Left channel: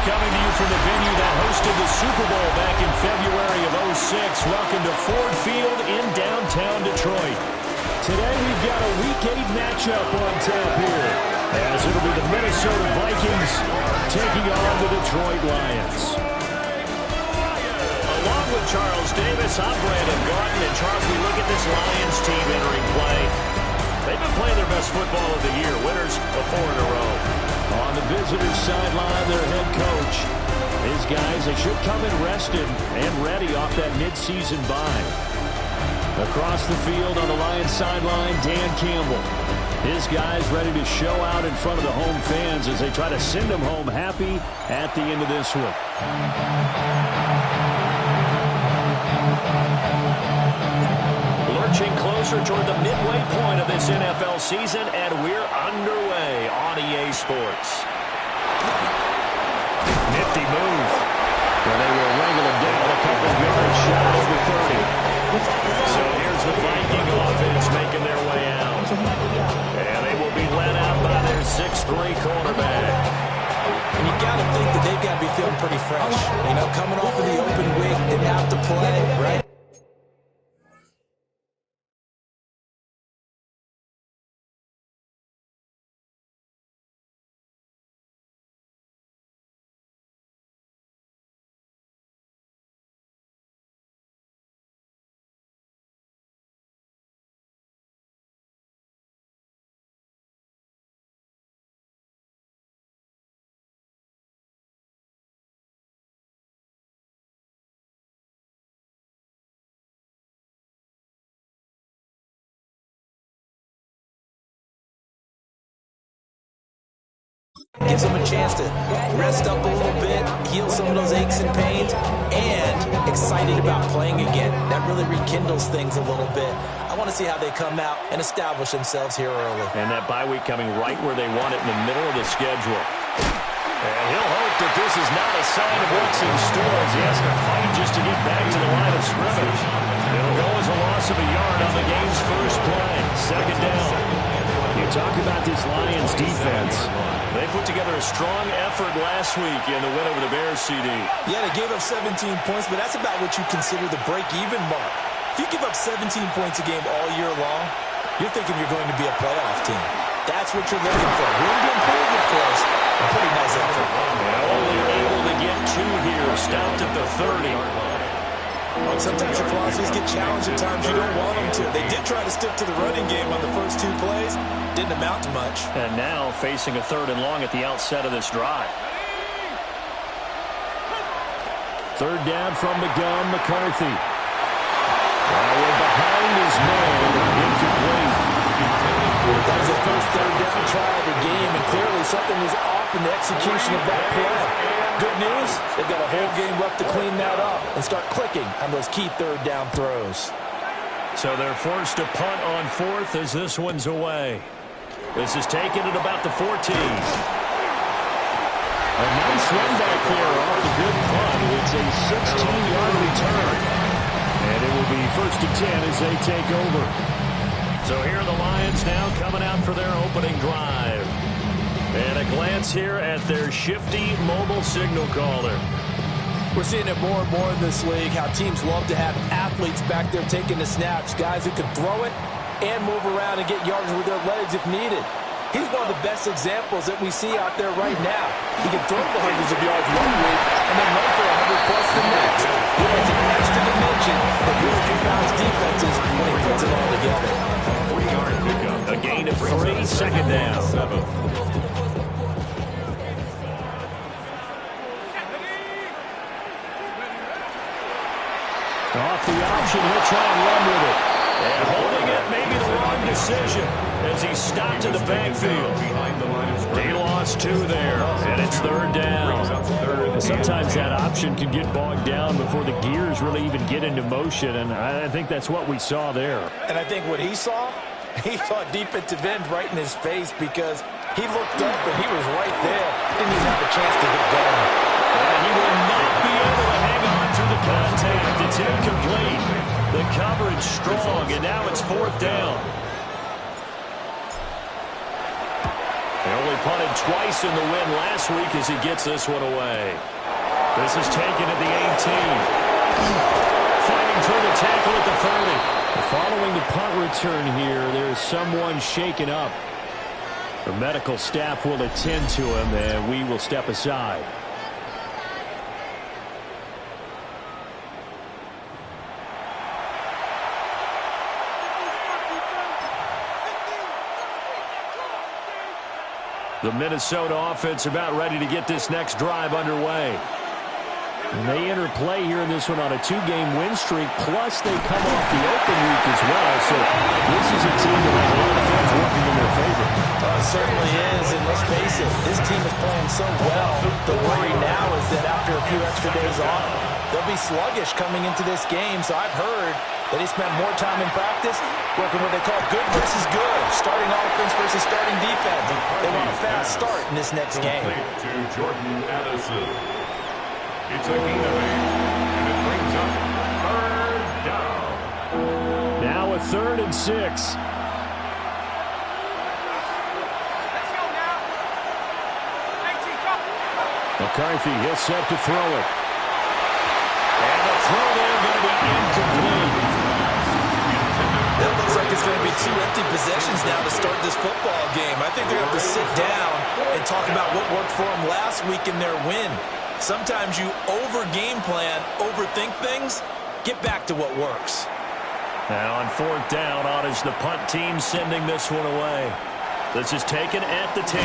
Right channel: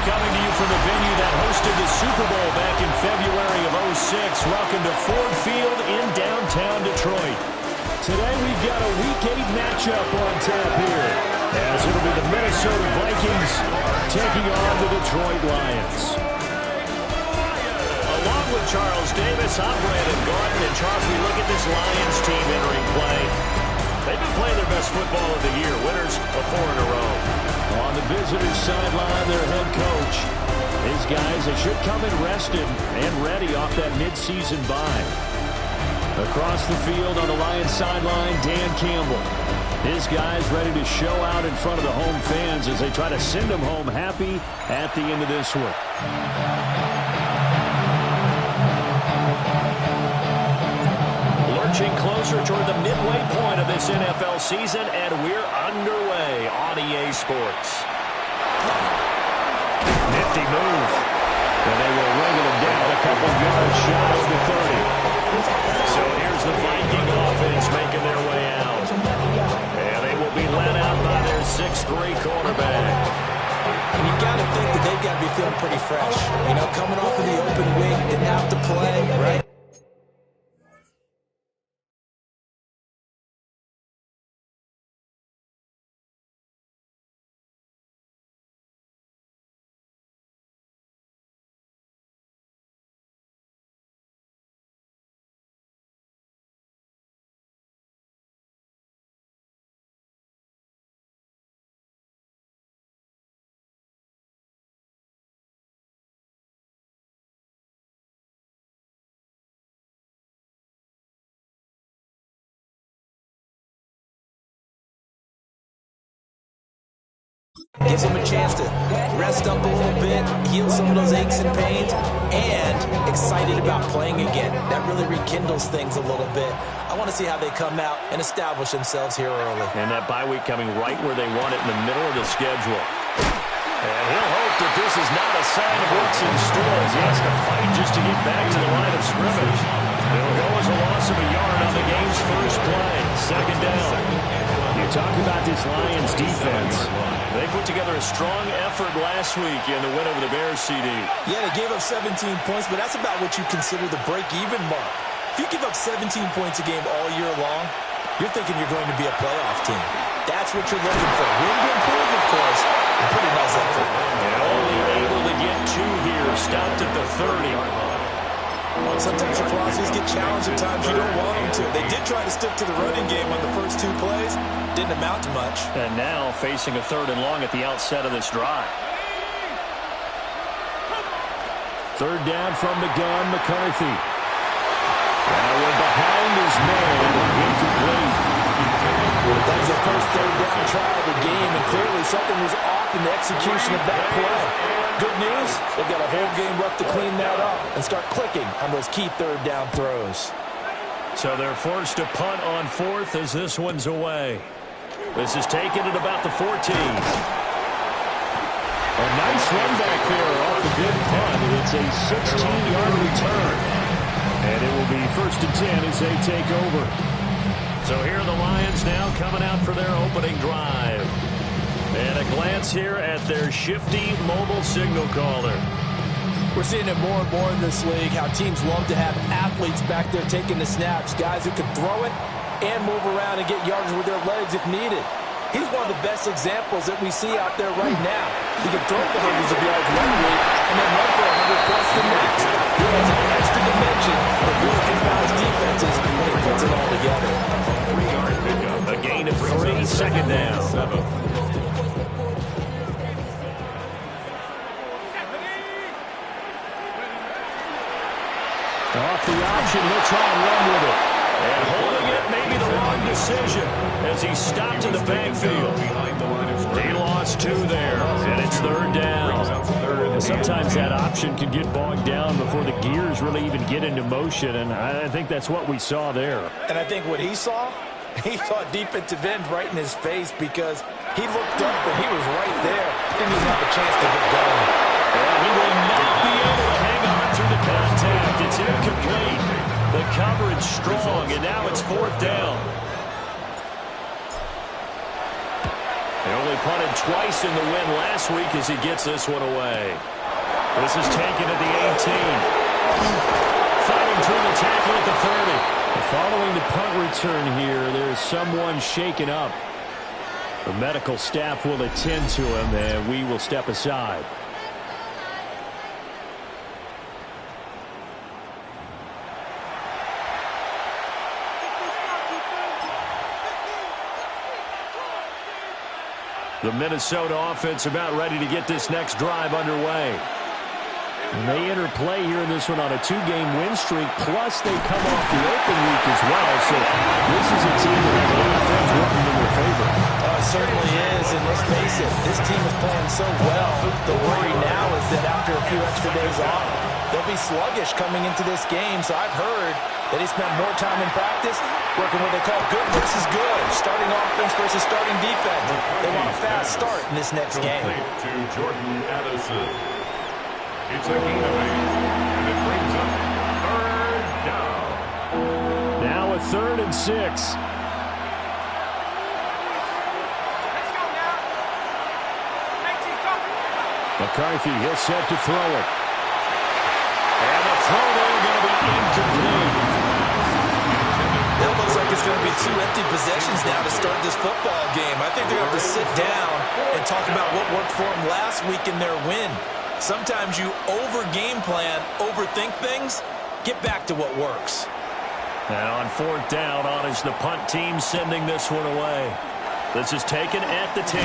Coming to you from the venue that hosted the Super Bowl back in February of '06. Welcome to Ford Field in downtown Detroit. Today we've got a Week 8 matchup on tap here, as it'll be the Minnesota Vikings taking on the Detroit Lions. Along with Charles Davis, I'm Brandon Garden. And Charles, we look at this Lions team entering play. They've been playing their best football of the year. Winners of 4 in a row. On the visitors' sideline, their head coach. His guys, they should come in rested and ready off that midseason bye. Across the field on the Lions sideline, Dan Campbell. His guys ready to show out in front of the home fans as they try to send them home happy at the end of this one. Lurching closer toward the midway point of this NFL season, and we're underway on EA Sports. Nifty move. And they will wrangle him down a couple yards shy of the 30. So here's the Viking offense making their way out. And they will be led out by their 6'3" quarterback. And you got to think that they've got to be feeling pretty fresh. You know, coming off of the open week, didn't have to play, right? Gives them a chance to rest up a little bit, heal some of those aches and pains, and excited about playing again. That really rekindles things a little bit. I want to see how they come out and establish themselves here early. And that bye week coming right where they want it in the middle of the schedule. And he'll hope that this is not a sign of what's in store as he has to fight just to get back to the line of scrimmage. It'll go as a loss of a yard on the game's first play. Second down. You talk about this Lions defense. They put together a strong effort last week in the win over the Bears, CD. Yeah, they gave up 17 points, but that's about what you consider the break-even mark. If you give up 17 points a game all year long, you're thinking you're going to be a playoff team. That's what you're looking for. Room to improve, of course. A pretty nice effort. And only able to get 2 here. Stopped at the 30. Sometimes your philosophies get challenged at times you don't want them to. They did try to stick to the running game on the first 2 plays. Didn't amount to much. And now facing a 3rd and long at the outset of this drive. 3rd down from the gun, McCarthy. Now we're behind his man, incomplete. That was the first 3rd down try of the game, and clearly something was off in the execution of that play. Good news, they've got a whole game left to clean that up and start clicking on those key 3rd down throws. So they're forced to punt on 4th as this one's away. This is taken at about the 14. A nice run back there off the good punt. It's a 16-yard return. And it will be 1st and 10 as they take over. So here are the Lions now coming out for their opening drive. And a glance here at their shifty mobile signal caller. We're seeing it more and more in this league, how teams love to have athletes back there taking the snaps, guys who can throw it and move around and get yards with their legs if needed. He's one of the best examples that we see out there right now. He can throw for hundreds of yards one week and then run for 100+ the next. He adds an extra dimension that really confounds defenses when he puts it all together. A gain of 3, 2nd down. Off the option, he'll try and run with it. And holding it may be the wrong decision as he stopped in the backfield. They lost 2 there, and it's 3rd down. Sometimes that option can get bogged down before the gears really even get into motion, and I think that's what we saw there. And I think what he saw defensive end right in his face because he looked up and he was right there. Didn't even have a chance to get going. And he will not be able to hang on through the contact. It's incomplete. The coverage strong, and now it's 4th down. They only punted twice in the win last week as he gets this one away. This is taken at the 18. Fighting through the tackle at the 30. Following the punt return here, there is someone shaken up. The medical staff will attend to him, and we will step aside. The Minnesota offense about ready to get this next drive underway. And they enter play here in this one on a 2-game win streak, plus they come off the open week as well. So this is a team that has a lot of things working in their favor. It certainly is, and let's face it, this team is playing so well. The worry now is that after a few extra days off, they'll be sluggish coming into this game. So I've heard that he spent more time in practice working what they call good versus good, starting offense versus starting defense. They want a fast start in this next game. To Jordan Addison. It's a gain of 8, and it brings up 3rd down. Now a 3rd and 6. Let's go now. 19, go. McCarthy, he'll set to throw it. And the throw there going to be incomplete. That looks like it's going to be 2 empty possessions now to start this football game. I think they're going to have to sit down and talk about what worked for them last week in their win. Sometimes you over-game plan, overthink things. Get back to what works. Now on 4th down, on is the punt team sending this one away. This is taken at the 10.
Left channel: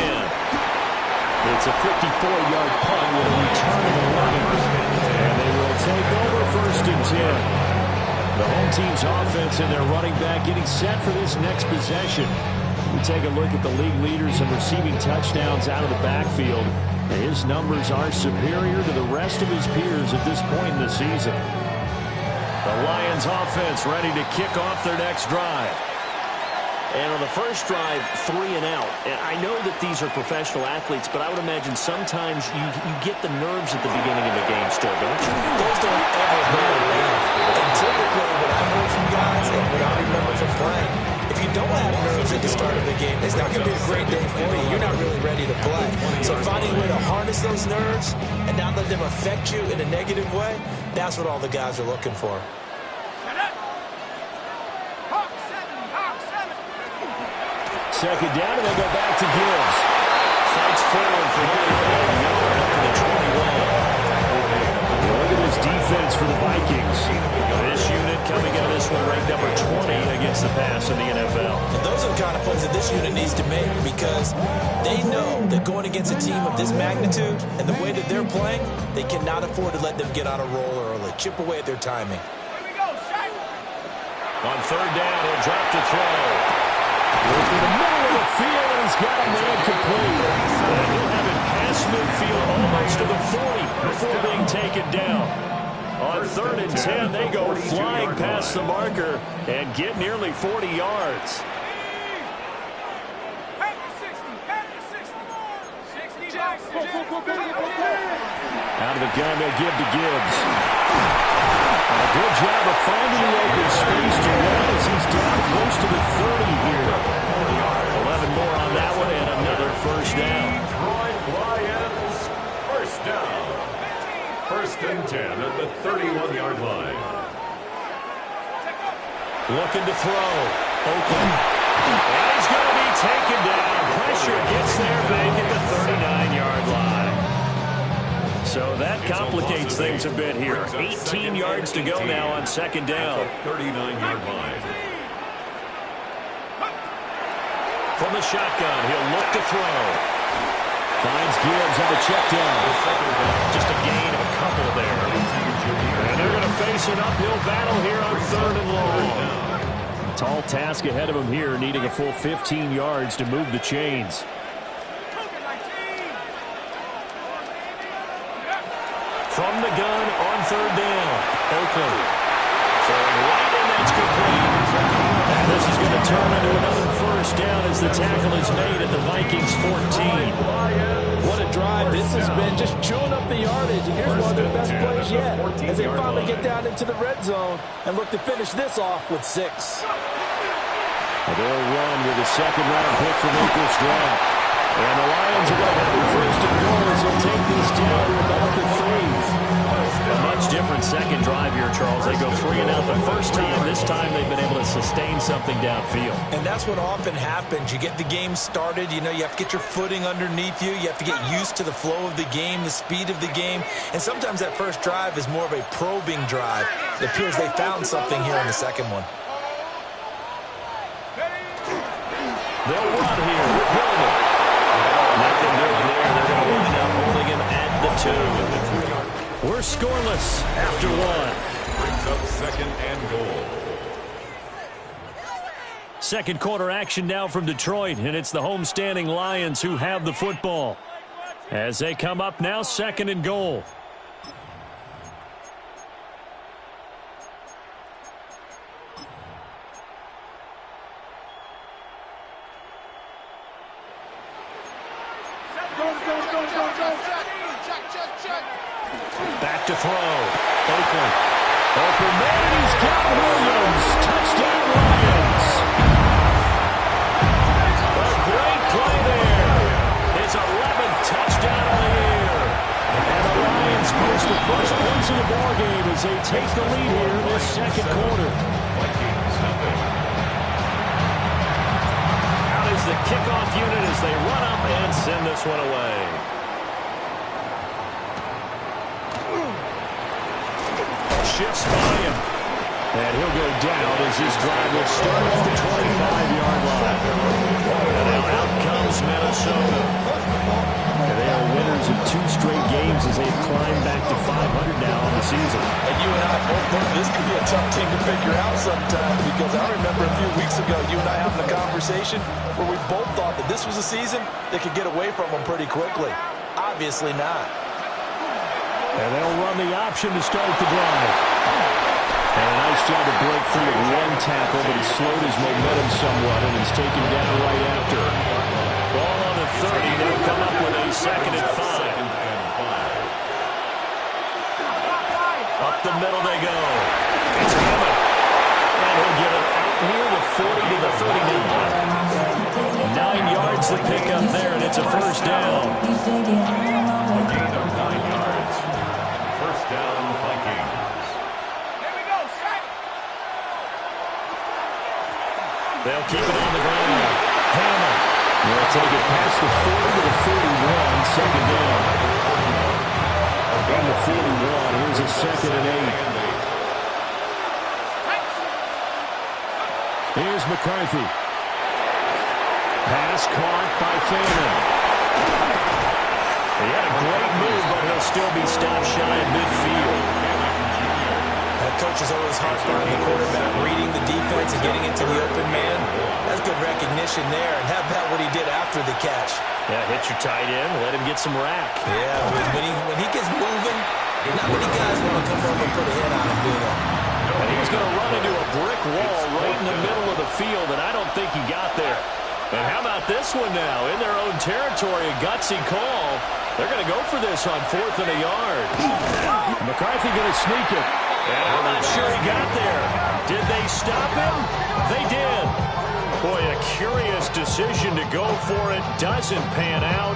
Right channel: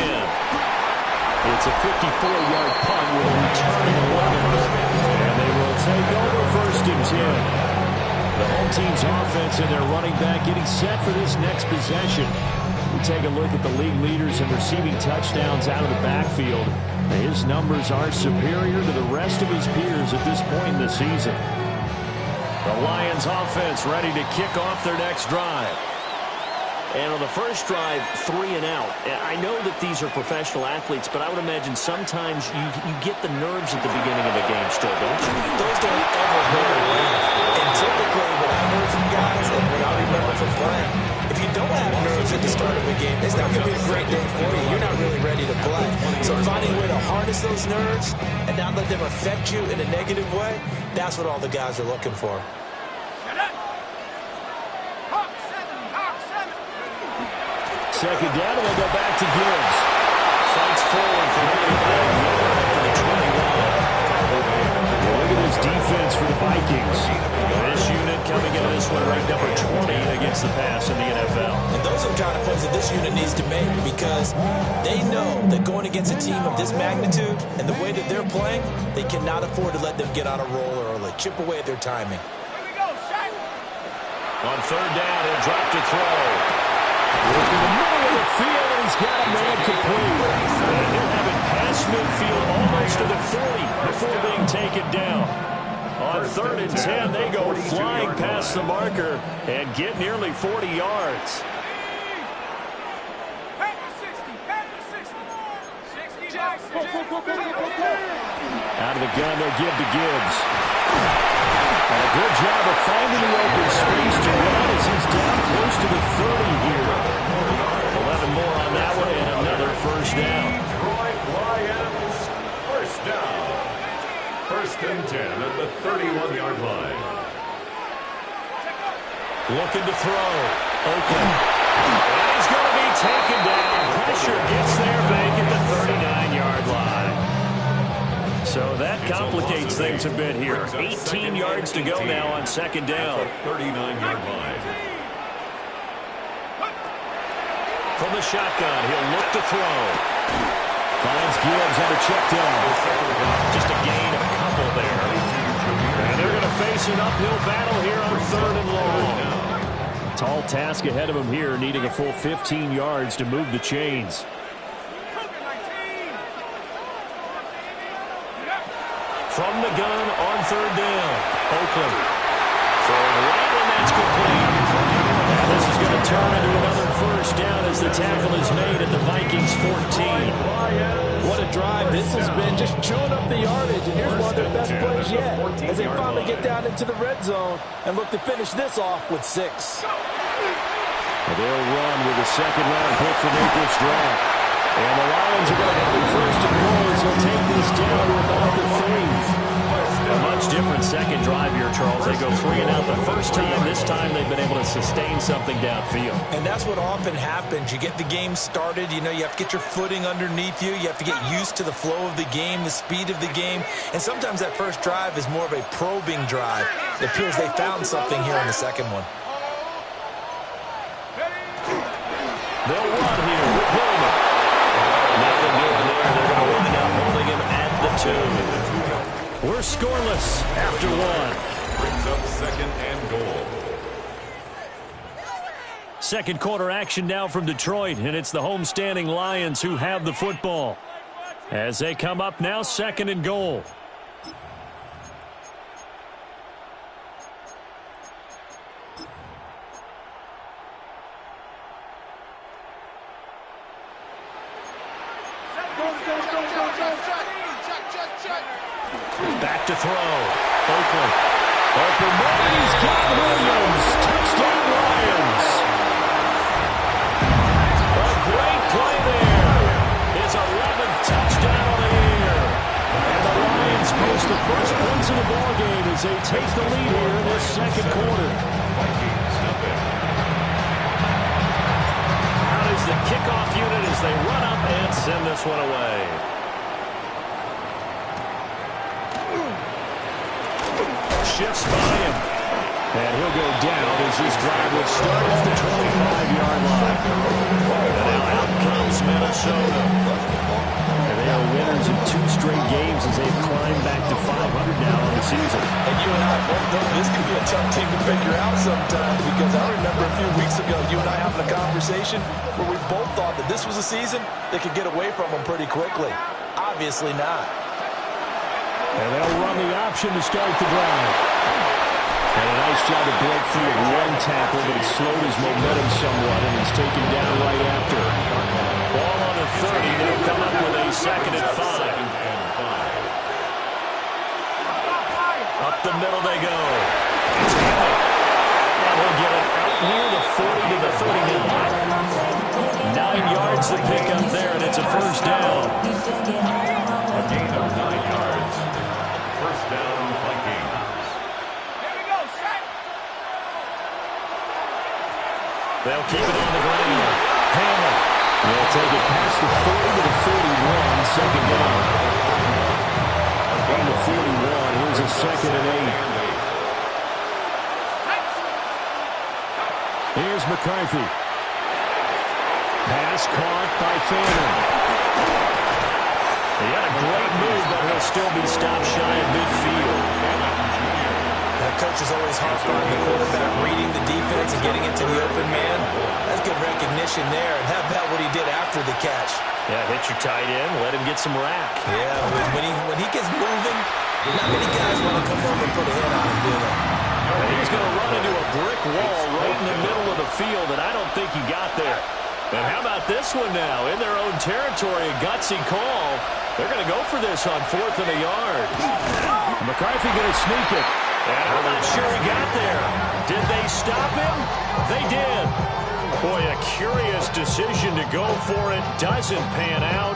It's a 54-yard punt with a return of 11. And they will take over 1st and 10. The home team's offense and their running back getting set for this next possession. We take a look at the league leaders in receiving touchdowns out of the backfield. His numbers are superior to the rest of his peers at this point in the season. The Lions offense ready to kick off their next drive. And on the first drive, 3 and out. I know that these are professional athletes, but I would imagine sometimes you get the nerves at the beginning of a game still, don't you? Those don't ever go away. And typically what I've heard from guys and what I remember from playing, if you don't have nerves at the start of a game, it's not going to be a great day for you. You're not really ready to play. So finding a way to harness those nerves and not let them affect you in a negative way, that's what all the guys are looking for. Second down, and they go back to Gibbs. Fights forward for nearly 1 yard up to the 21. Yeah, look at this defense for the Vikings. This unit coming into this one ranked number 20 against the pass in the NFL. And those are the kind of plays that this unit needs to make because they know that going against a team of this magnitude and the way that they're playing, they cannot afford to let them get on a roll early. Chip away at their timing. On 3rd down, he'll drop to throw. Look in the middle of the field, and he's got a man complete. And he'll have it past midfield almost to the 40 before being taken down. On 3rd and 10, they go flying past the marker and get nearly 40 yards. Out of the gun, they'll give to Gibbs. And a good job of finding the open space to run as he's down close to the 30 here. 11 more on that one and another 1st down. Detroit Lions, 1st down. 1st and 10 at the 31-yard line. Looking to throw. Oakland. And he's going to be taken down. Pressure gets there big at the 39-yard line. So that complicates things a bit here. 18 yards to go now on 2nd down. 39-yard line. From the shotgun, he'll look to throw. Finds Gibbs on the check down. Just a gain of a couple there. And they're going to face an uphill battle here on 3rd and long. Tall task ahead of him here, needing a full 15 yards to move the chains. From the gun on 3rd down. Oakland throwing right, and that's complete. And this is going to turn into another 1st down as the tackle is made at the Vikings 14. What a drive this has been, just chewing up the yardage. And here's one of their best plays yet as they finally get down into the red zone and look to finish this off with 6. And they'll run with a 2nd-round pick from April's draft. And the Lions are going to have it first and goal as they'll take this down to about the 3. A much different second drive here, Charles. They go 3 and out the first time. This time they've been able to sustain something downfield. And that's what often happens. You get the game started. You know, you have to get your footing underneath you. You have to get used to the flow of the game, the speed of the game. And sometimes that first drive is more of a probing drive. It appears they found something here in the second one. They'll run here with Hillman. Nothing doing there. They're going to wind up holding him at the 2. We're scoreless after 1. Brings up second and goal. Second quarter action now from Detroit, and it's the homestanding Lions who have the football. As they come up now, second and goal. Back to throw. Oakland. Open man, he's got Williams. Touchdown, Lions. A great play there. His 11th touchdown on the year. And the Lions post the first points of the ballgame as they take the lead here in this second quarter. Vikings nothing. Out is the kickoff unit as they run up and send this one away. Shifts by him. And he'll go down as this drive will start at the 25-yard line. And now out comes Minnesota. And they are winners of 2 straight games as they've climbed back to 500 now on the season. And you and I both know this could be a tough thing to figure out sometimes, because I remember a few weeks ago you and I having a conversation where we both thought that this was a season that could get away from them pretty quickly. Obviously not. And they'll run the option to start the drive. And a nice job to break free of 1 tackle, but it slowed his momentum somewhat, and he's taken down right after. Ball on the 30. They'll come up with a second and 5. Up the middle they go. It's Hammond. And he'll get it out near the 40 to the 39. 9 yards to pick up there, and it's a first down. A gain of 9 yards. First down, Vikings. Here we go, set. They'll keep it on the ground. Hammond. They'll take it past the 40 to the 41. Second down. From the 41, here's a second and 8. Here's McCarthy. Pass caught by Fannin. He had a great move, but he'll still be stopped shy of midfield. Coach is always hard on the quarterback, reading the defense and getting into the open man. That's good recognition there. And how about what he did after the catch? Yeah, hit your tight end, let him get some rack. Yeah, when he gets moving, not many guys want to come over and put a hit on him, do they? And he's going to run into a brick wall right in the middle of the field, and I don't think he got there. And how about this one now? In their own territory, a gutsy call. They're going to go for this on 4th and a yard. McCarthy going to sneak it. And I'm not sure he got there. Did they stop him? They did. Boy, a curious decision to go for it. Doesn't pan out.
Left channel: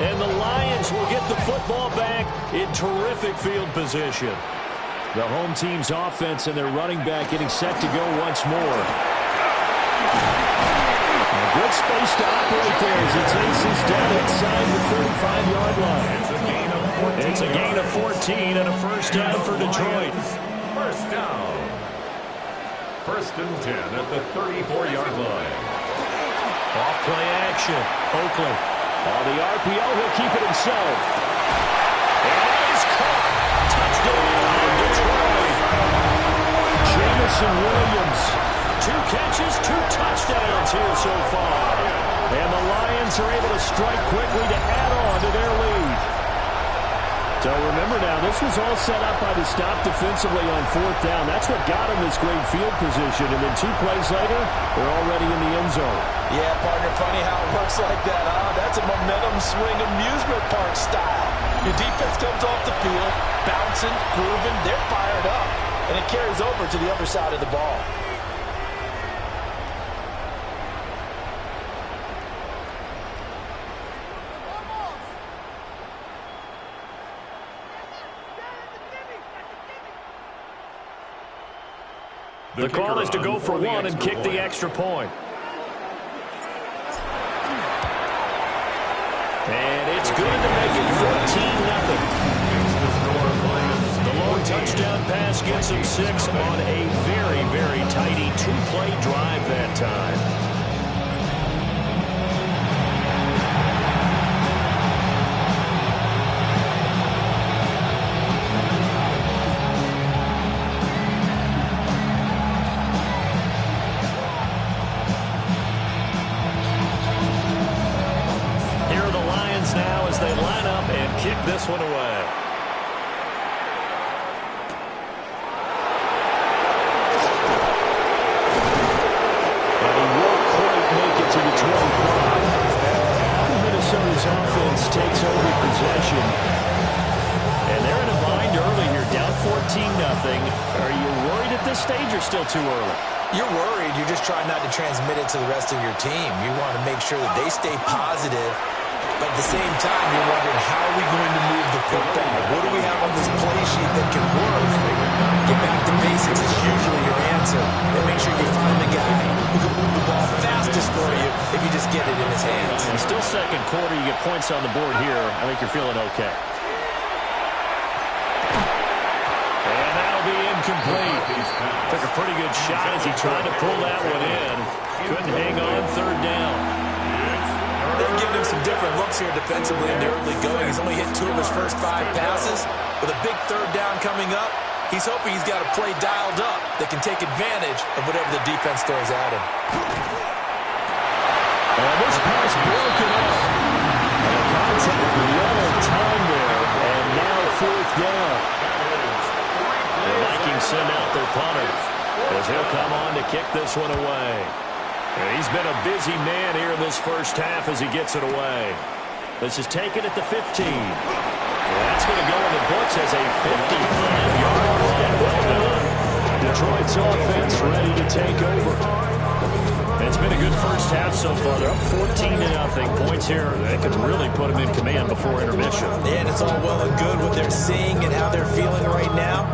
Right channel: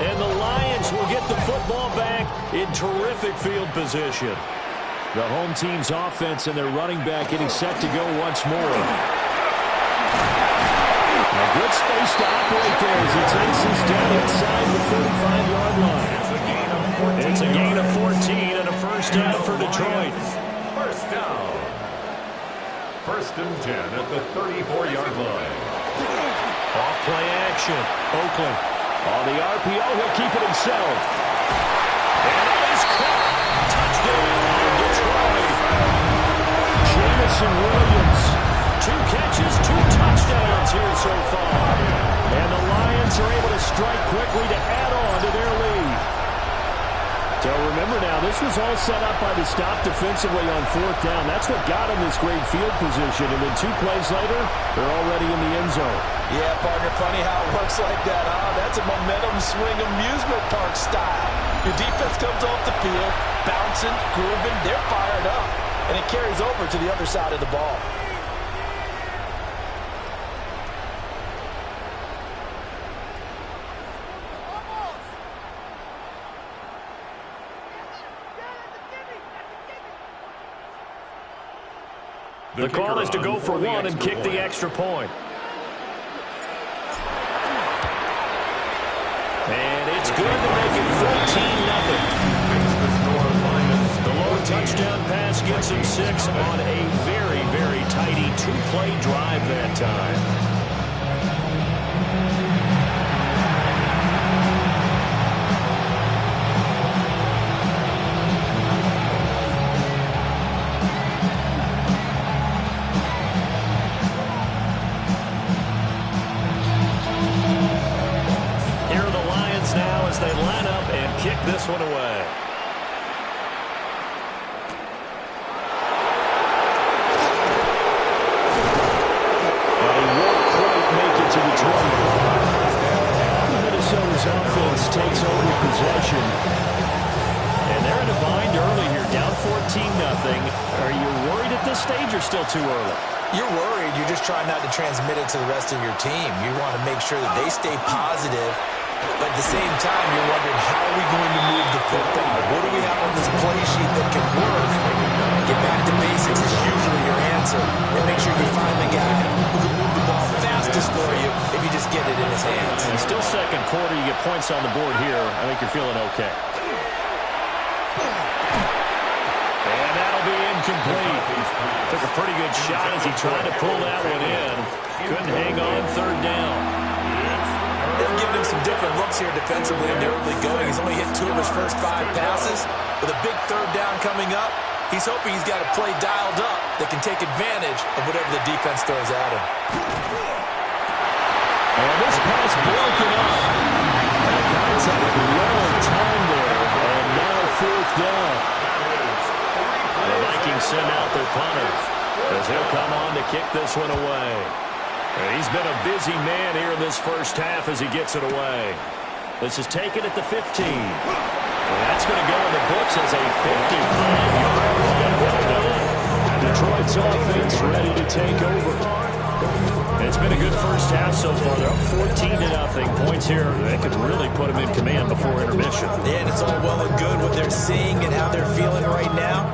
And the Lions will get the football back in terrific field position. The home team's offense and their running back getting set to go once more. A good space to operate there as he takes this down inside the 35-yard line. It's a gain of 14 and a first down for Detroit. First down. First and 10 at the 34-yard line. Off play action. Oakland. On the RPO, he'll keep it himself. And it is caught. Touchdown, Detroit. Jamison Williams. 2 catches, 2 touchdowns here so far. And the Lions are able to strike quickly to add on to their lead. So remember now, this was all set up by the stop defensively on 4th down. That's what got him this great field position. And then 2 plays later, they're already in the end zone. Yeah, partner, funny how it works like that, huh? That's a momentum swing amusement park style. Your defense comes off the field, bouncing, grooving, they're fired up. And it carries over to the other side of the ball. The call is to go for one and kick the extra point. And it's good to make it 14-0. The long touchdown pass gets him 6 on a very, very tidy 2-play drive that time. Here are the Lions now as they line up and kick this one away. To the 25. Minnesota's offense takes over possession. And they're in a bind early here, down 14-0. Are you worried at this stage or still too early? You're worried. You're just trying not to transmit it to the rest of your team. You want to make sure that they stay positive. But at the same time, you're wondering, how are we going to move the football? What do we have on this play sheet that can work? Get back to basics is usually your answer. And make sure you find the guy who can move the ball fastest for you if you just get it in his hands. And still second quarter, you get points on the board here. I think you're feeling okay. And that'll be incomplete. Took a pretty good shot as he tried to pull that one in. Couldn't hang on third down. They've given him some different looks here defensively in the early going. He's only hit 2 of his first 5 passes. With a big third down coming up, he's hoping he's got a play dialed up that can take advantage of whatever the defense throws at him. And this pass broken up. And the contact well timed there. And now fourth down. The Vikings send out their punter as he'll come on to kick this one away. He's been a busy man here in this first half as he gets it away. This is taken at the 15. That's going to go in the books as a 55-yard run. Well done. Detroit's offense ready to take over. It's been a good first half so far. They're up 14-0. Points here that could really put them in command before intermission. Yeah, and it's all well and good what they're seeing and how they're feeling right now.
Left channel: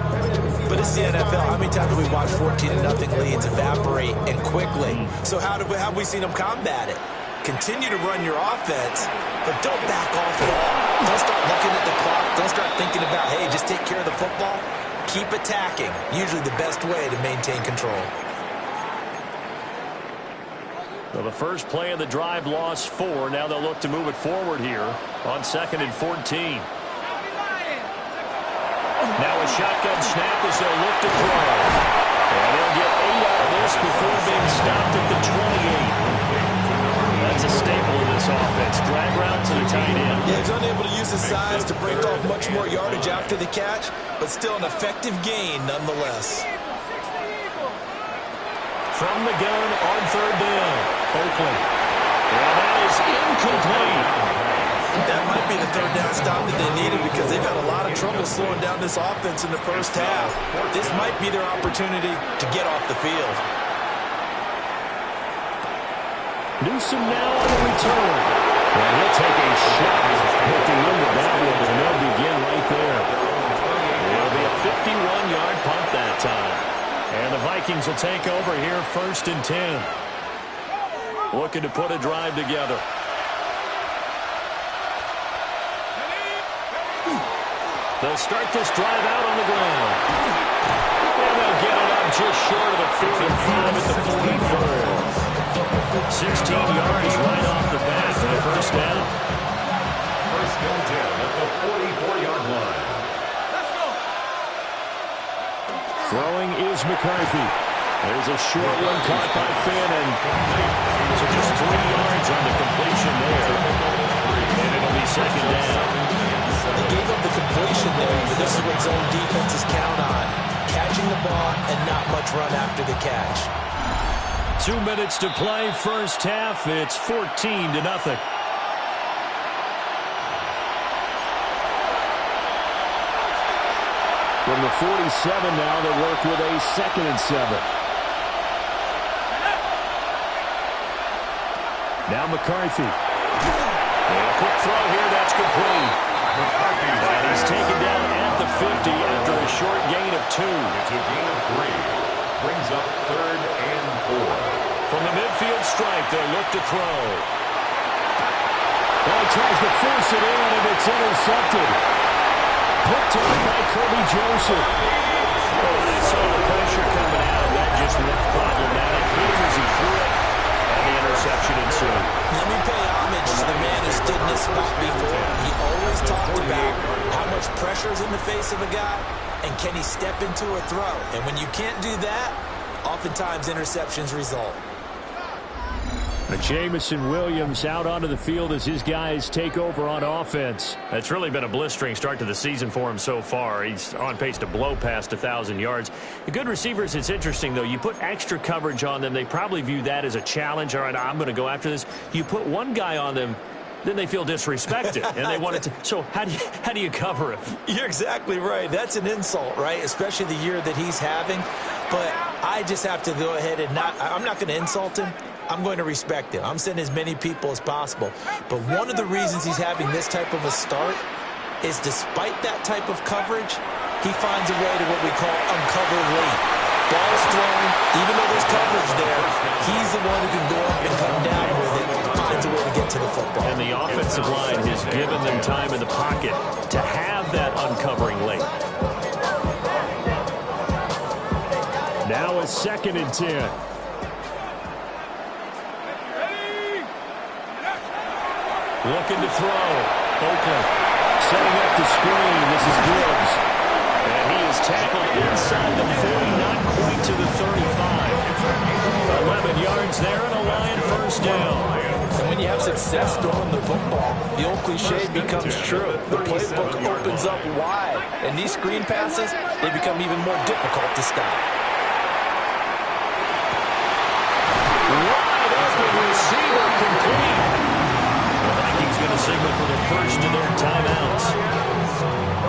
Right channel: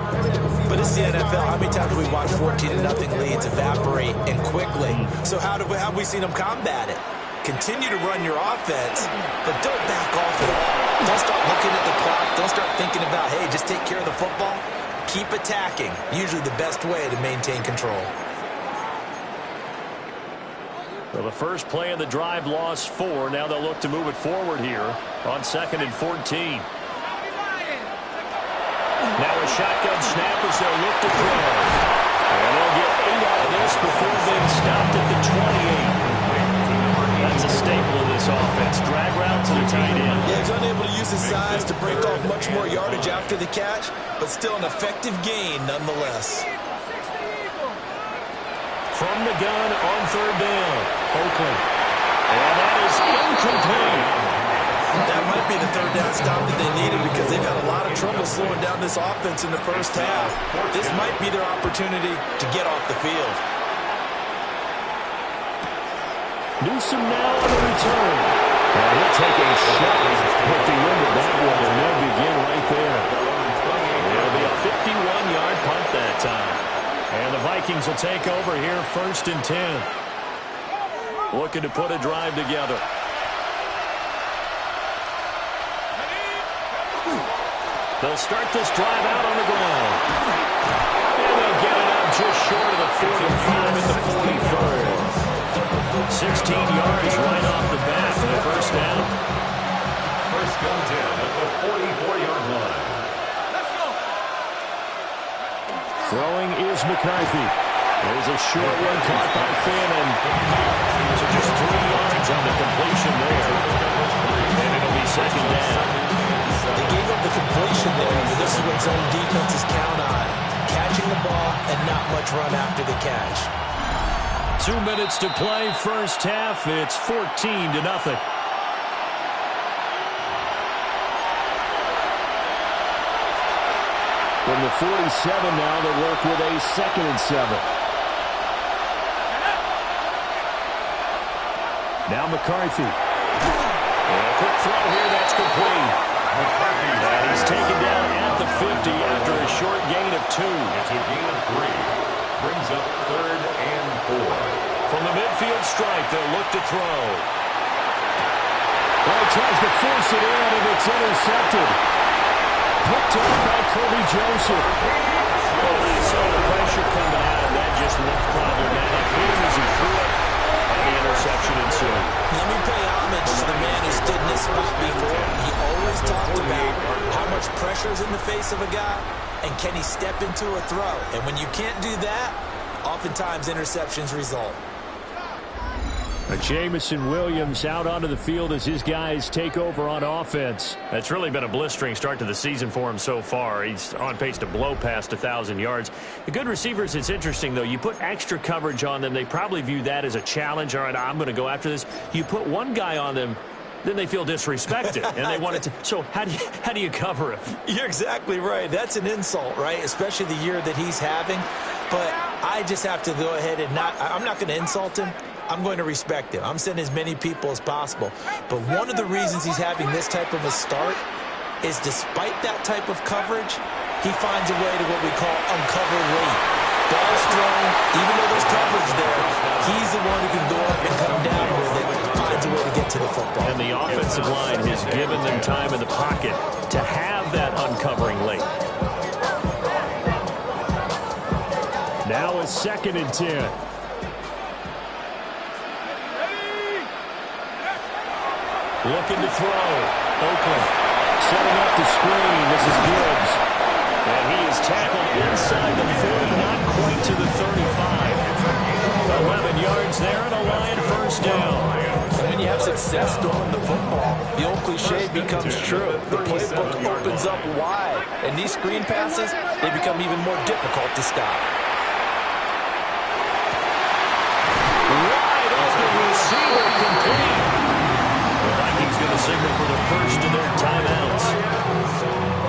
But it's the NFL. How many times have we watched 14-0 leads evaporate and quickly? So how have we seen them combat it? Continue to run your offense, but don't back off at all. Don't start looking at the clock. Don't start thinking about, hey, just take care of the football. Keep attacking. Usually the best way to maintain control. Well, the first play of the drive lost 4. Now they'll look to move it forward here on 2nd and 14. Now a shotgun snap as they'll look to throw. And they'll get 8 out of this before being stopped at the 28. That's a staple of this offense. Drag route to the tight end. Yeah, he's unable to use his size to break off much more yardage after the catch, but still an effective gain nonetheless. From the gun on third down, Oakland. And that is incomplete. That might be the third down stop that they needed because they've had a lot of trouble slowing down this offense in the first half. This might be their opportunity to get off the field. Newsom now on the return. And he'll take a shot at the end of that one, and they'll begin right there. It'll be a 51-yard punt that time. And the Vikings will take over here 1st and 10. Looking to put a drive together. They'll start this drive out on the ground. And they'll get it up just short of the 45 at the 43. 16 yards right off the bat for the first down. First and 10 at the 44-yard line. Let's go. Throwing is McCarthy. There's a short one caught by Finn, and so just 3 yards on the completion there. And it'll be second down. They gave up the completion there, but this is what zone defenses count on. Catching the ball and not much run after the catch. 2 minutes to play, first half. It's 14-0. From the 47 now, they'll work with a 2nd and 7. Now McCarthy. And a quick throw here, that's complete. And he's taken down at the 50 after a short gain of 2. It's a gain of 3. brings up 3rd and 4. From the midfield stripe, they'll look to throw. Well, he tries to force it in, and it's intercepted. Picked up by Kirby Joseph. Oh, they saw the pressure coming out, and that just looked problematic. Here as he threw it, and the interception ensued. Let me pay homage to the man who stood in this spot before. He always talked about how much pressure is in the face of a guy, and can he step into a throw. And when you can't do that, oftentimes interceptions result. Jamison Williams out onto the field as his guys take over on offense. It's really been a blistering start to the season for him so far. He's on pace to blow past 1,000 yards. The good receivers, it's interesting, though. You put extra coverage on them, they probably view that as a challenge. All right, I'm going to go after this. You put one guy on them, then they feel disrespected, and they want it to. So how do you cover him? You're exactly right. That's an insult, right? Especially the year that he's having. But I just have to go ahead and I'm not going to insult him. I'm going to respect him. I'm sending as many people as possible. But one of the reasons he's having this type of a start is despite that type of coverage, he finds a way to what we call uncover late. Ball's thrown, even though there's coverage there, he's the one who can go up and come down with it, finds a way to get to the football. And the offensive line has given them time in the pocket to have that uncovering late. Now a 2nd and 10. Looking to throw. Oakland setting up the screen. This is Gibbs. And he is tackled inside the 40, not quite to the 35. 11 yards there and a Lion first down. And when you have success throwing the football, the old cliche becomes true. The playbook opens up wide. And these screen passes, they become even more difficult to stop. Wide open receiver complete. The Vikings going to signal for the first of their timeouts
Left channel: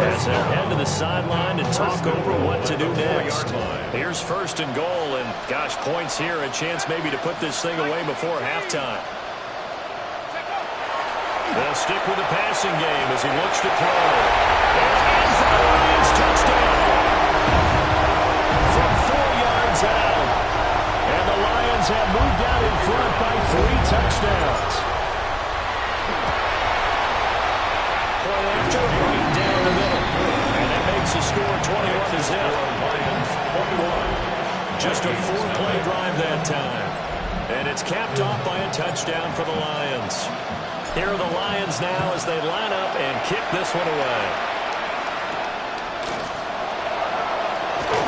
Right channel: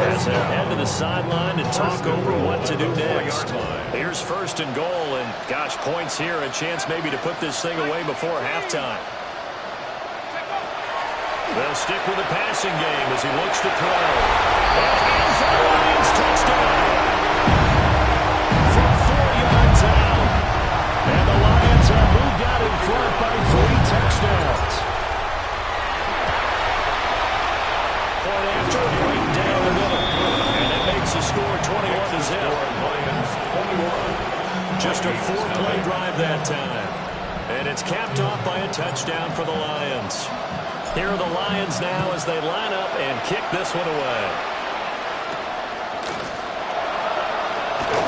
as they head to the sideline and talk over what to do next. Here's 1st and goal, and gosh, points here, a chance maybe to put this thing away before halftime. They'll stick with the passing game as he looks to throw. And in for the Lions, touchdown! From 4 yards out. And the Lions have moved out in front by 3 touchdowns. Point after, right down the middle. And that makes the score 21-0. Lions 21. Just a 4-play drive that time. And it's capped off by a touchdown for the Lions. Here are the Lions now as they line up and kick this one away.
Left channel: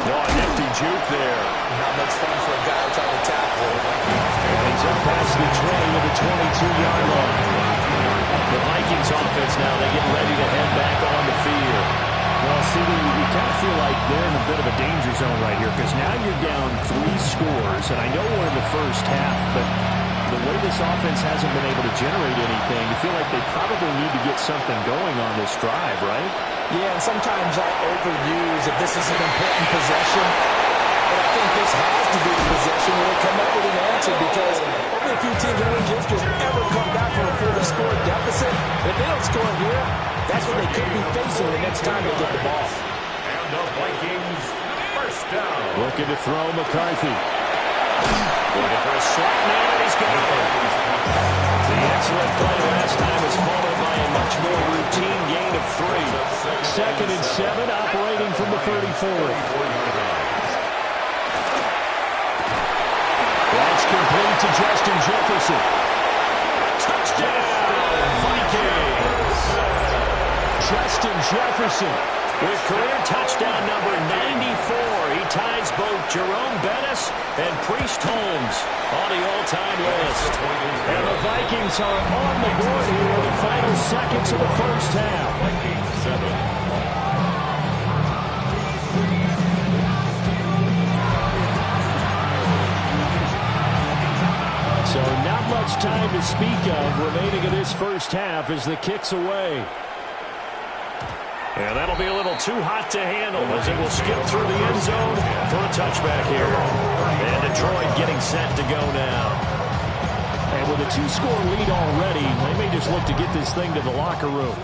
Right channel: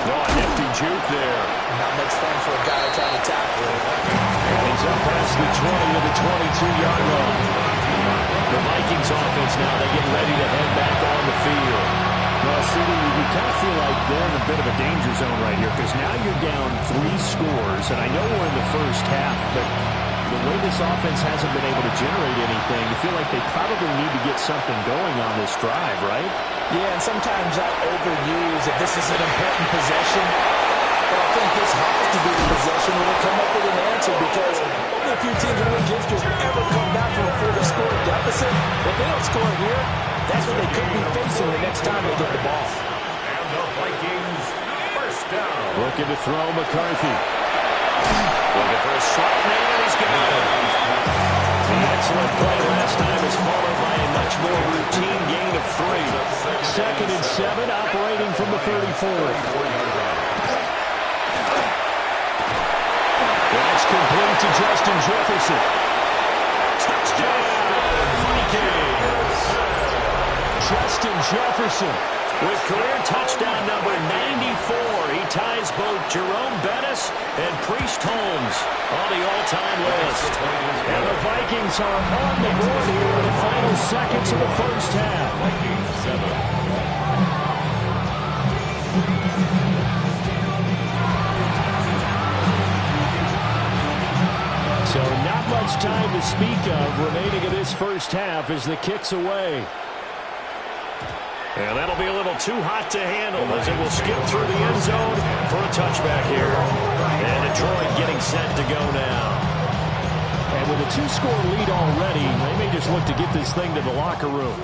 No, a nifty juke there. Not much fun for a guy trying to tackle it. And he's up past the 20 to the 22-yard line. The Vikings offense now, they get ready to head back on the field. Well, CD, you kind of feel like they're in a bit of a danger zone right here because now you're down 3 scores, and I know we're in the first half, but the way this offense hasn't been able to generate anything, you feel like they probably need to get something going on this drive, right? Yeah, and sometimes I overuse if this is an important possession, but I think this has to be the possession where they come up with an answer because only a few teams in league history ever come back from a 40-score deficit. If they don't score here, that's what they could be facing the next time they get the ball. And the Vikings first down. Looking to throw McCarthy. Looking for a slot man, and he's got it. The excellent play last time is followed by a much more routine gain of 3. 2nd and 7, operating from the 34. That's complete to Justin Jefferson. Touchdown, Vikings! Justin Jefferson with career touchdown number 94. He ties both Jerome Bettis and Priest Holmes on the all-time list. And the Vikings are on the board here in the final seconds of the first half. Vikings 7. So not much time to speak of remaining in this first half as the kick's away. And that'll be a little too hot to handle as it will skip through the end zone for a touchback here. And Detroit getting set to go now. And with a 2-score lead already, they may just look to get this thing to the locker room.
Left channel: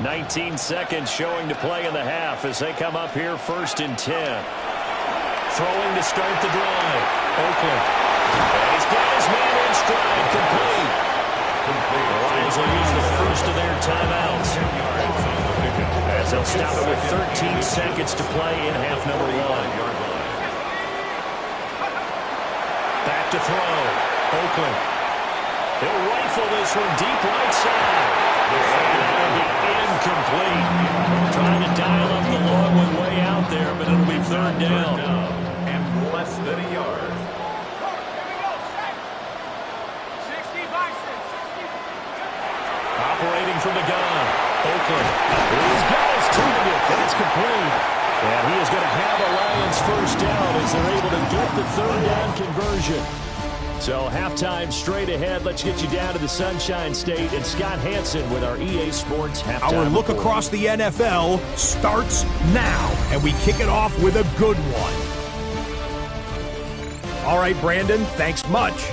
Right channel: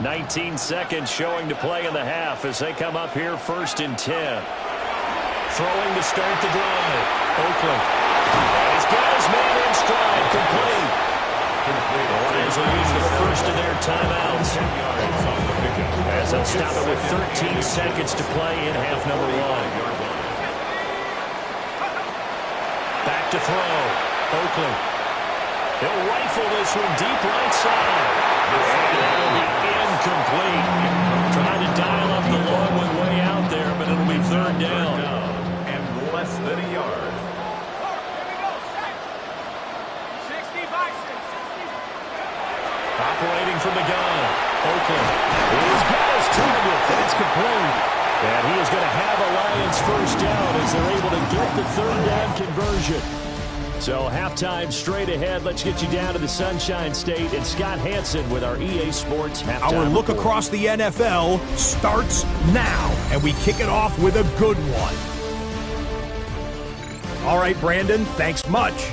19 seconds showing to play in the half as they come up here 1st and 10. Throwing to start the drive. Oakland. And he's got his man in stride. Complete. The Lions will use the first of their timeouts, as they'll stop it with 13 seconds to play in half number 1. Back to throw. Oakland. He'll rifle this from deep right side. And that'll be incomplete. Trying to dial up the long one way out there, but it'll be third down. And less than a yard. Here we go, set. 60 Bison, 60. Operating from the gun. Oakland. He's got his target. That's complete. And he is going to have a Lions first down as they're able to get the third down conversion. So halftime straight ahead. Let's get you down to the Sunshine State and Scott Hansen with our EA Sports halftime Our look report. across the NFL starts now, and we kick it off with a good one. All right, Brandon, thanks much.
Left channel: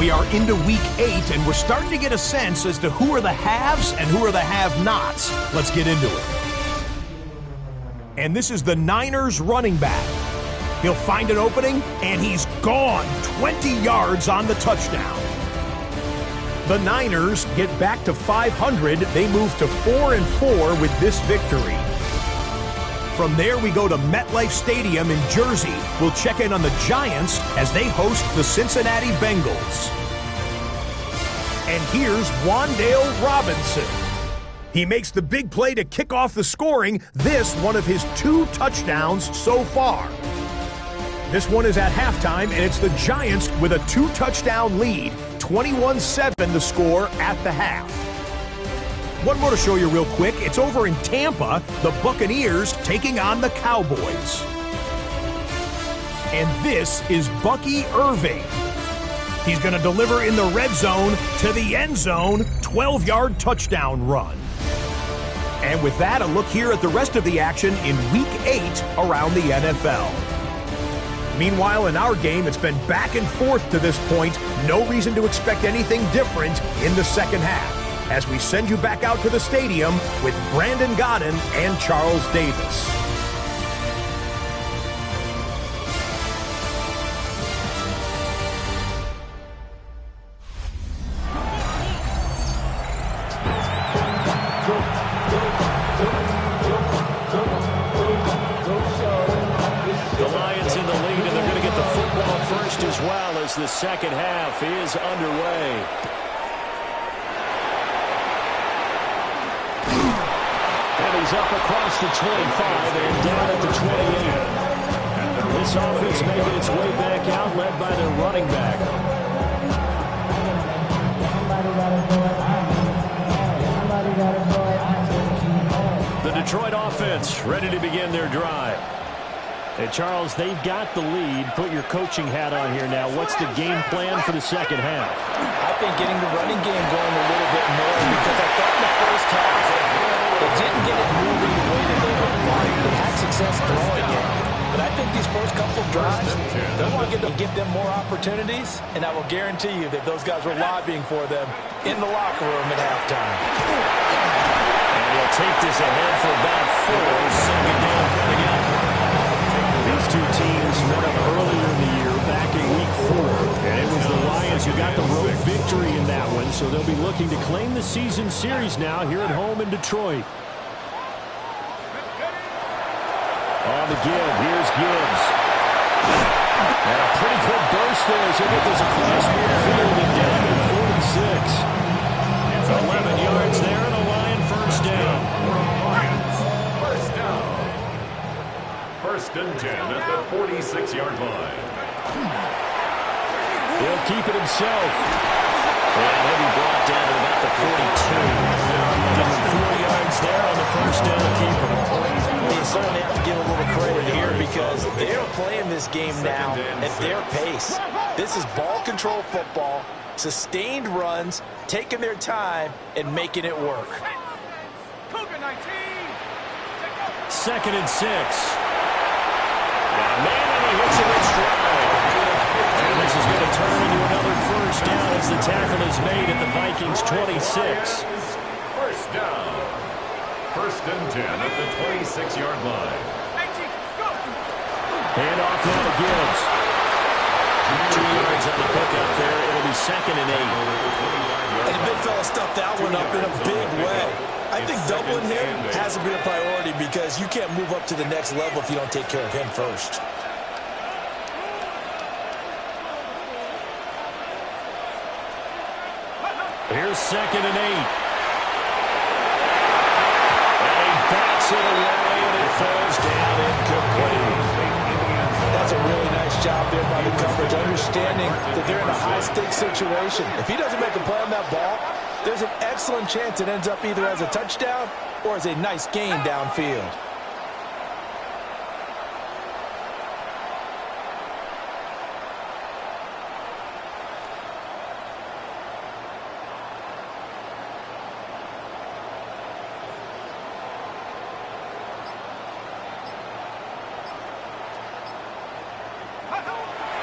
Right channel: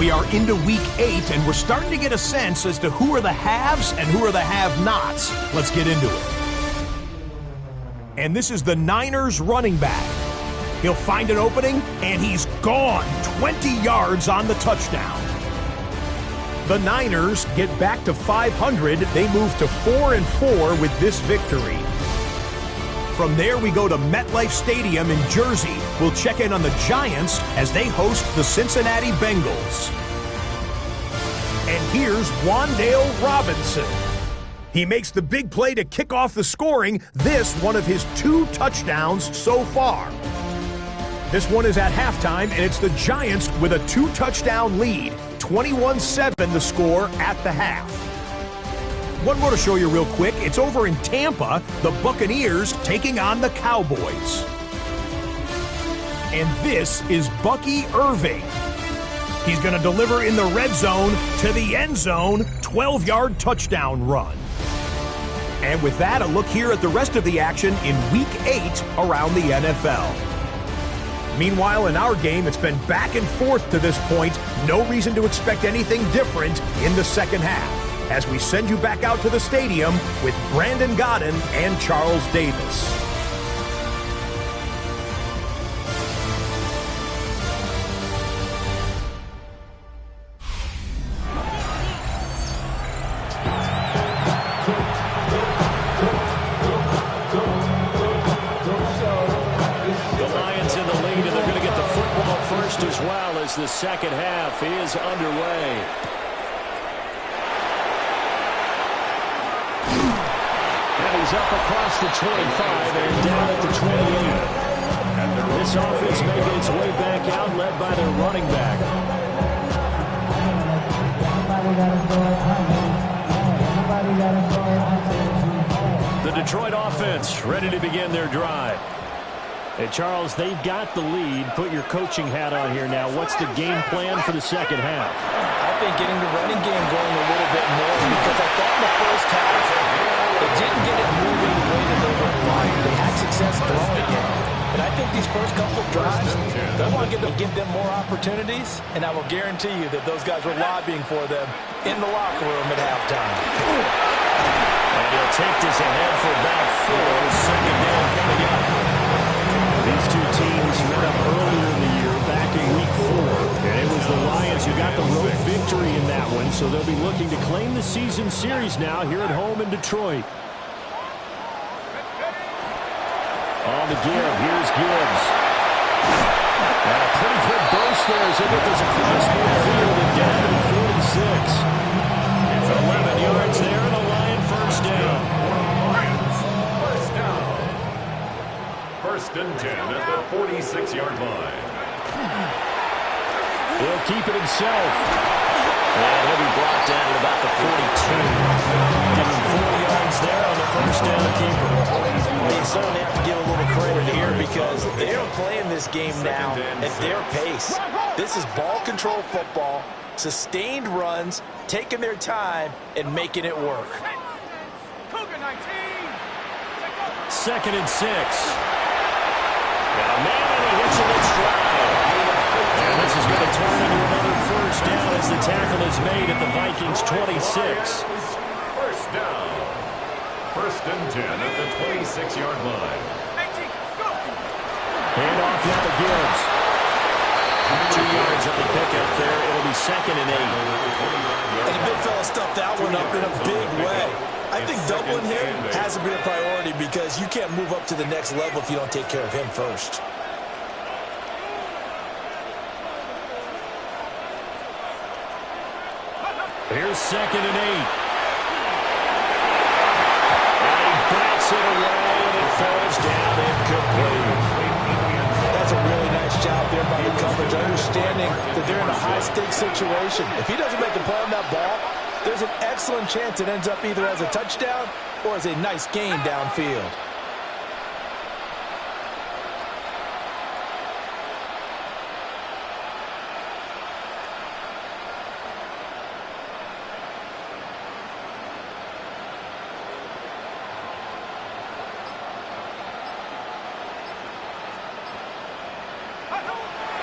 We are into Week 8, and we're starting to get a sense as to who are the haves and who are the have-nots. Let's get into it. And this is the Niners running back. He'll find an opening, and he's gone 20 yards on the touchdown. The Niners get back to 500. They move to 4-4 with this victory. From there, we go to MetLife Stadium in Jersey. We'll check in on the Giants as they host the Cincinnati Bengals. And here's Wan'Dale Robinson. He makes the big play to kick off the scoring. This one of his 2 touchdowns so far. This one is at halftime, and it's the Giants with a 2-touchdown lead. 21-7 the score at the half. One more to show you real quick. It's over in Tampa, the Buccaneers taking on the Cowboys. And this is Bucky Irving. He's going to deliver in the red zone to the end zone, 12-yard touchdown run. And with that, a look here at the rest of the action in Week 8 around the NFL. Meanwhile, in our game, it's been back and forth to this point. No reason to expect anything different in the second half, as we send you back out to the stadium with Brandon Godden and Charles Davis. As well as the second half is underway. And he's up across the 25 and down at the 28. This offense making its way back out, led by their running back. The Detroit offense ready to begin their drive. Hey, Charles, they've got the lead. Put your coaching hat on here now. What's the game plan for the second half? I think getting the running game going a little bit more, because I thought in the first half they didn't get it moving the way that they would like. They had success throwing it. But I think these first couple of drives, they want to give them more opportunities, and I will guarantee you that those guys were lobbying for them in the locker room at halftime. And he'll take this ahead for about 4. Second down coming up. These two teams met up earlier in the year, back in Week 4. And it was the Lions who got the road victory in that one, so they'll be looking to claim the season series now here at home in Detroit. On the give, here's Gibbs. And a pretty good burst there as he'll get this across midfield and down to 46. It's 11 yards there and a Lion first down. First down. First and 10 at the 46-yard line. He'll keep it himself. And he'll be brought down at about the 42. Give him 4 yards there on the first down keeper. Well, you certainly have to give a little credit here, because they're playing this game now at their pace. This is ball control football, sustained runs, taking their time, and making it work. Cougar 19. Second and 6. Got a man, and he hits him in stride. And this is going to turn into another first down as the tackle is made at the Vikings' 26. First down. First and 10 at the 26-yard line. 18, go. And off now to Gibbs. 2 yards on the pickup there. It'll be 2nd and 8. And the big fella stuffed that one up in a big way. I think doubling him has to be a priority because you can't move up to the next level if you don't take care of him first. Here's 2nd and 8. And he bats it away, and it falls down incomplete. That's a really nice job there by the coverage, understanding that they're in a high-stakes situation. If he doesn't make a play on that ball, there's an excellent chance it ends up either as a touchdown or as a nice gain downfield.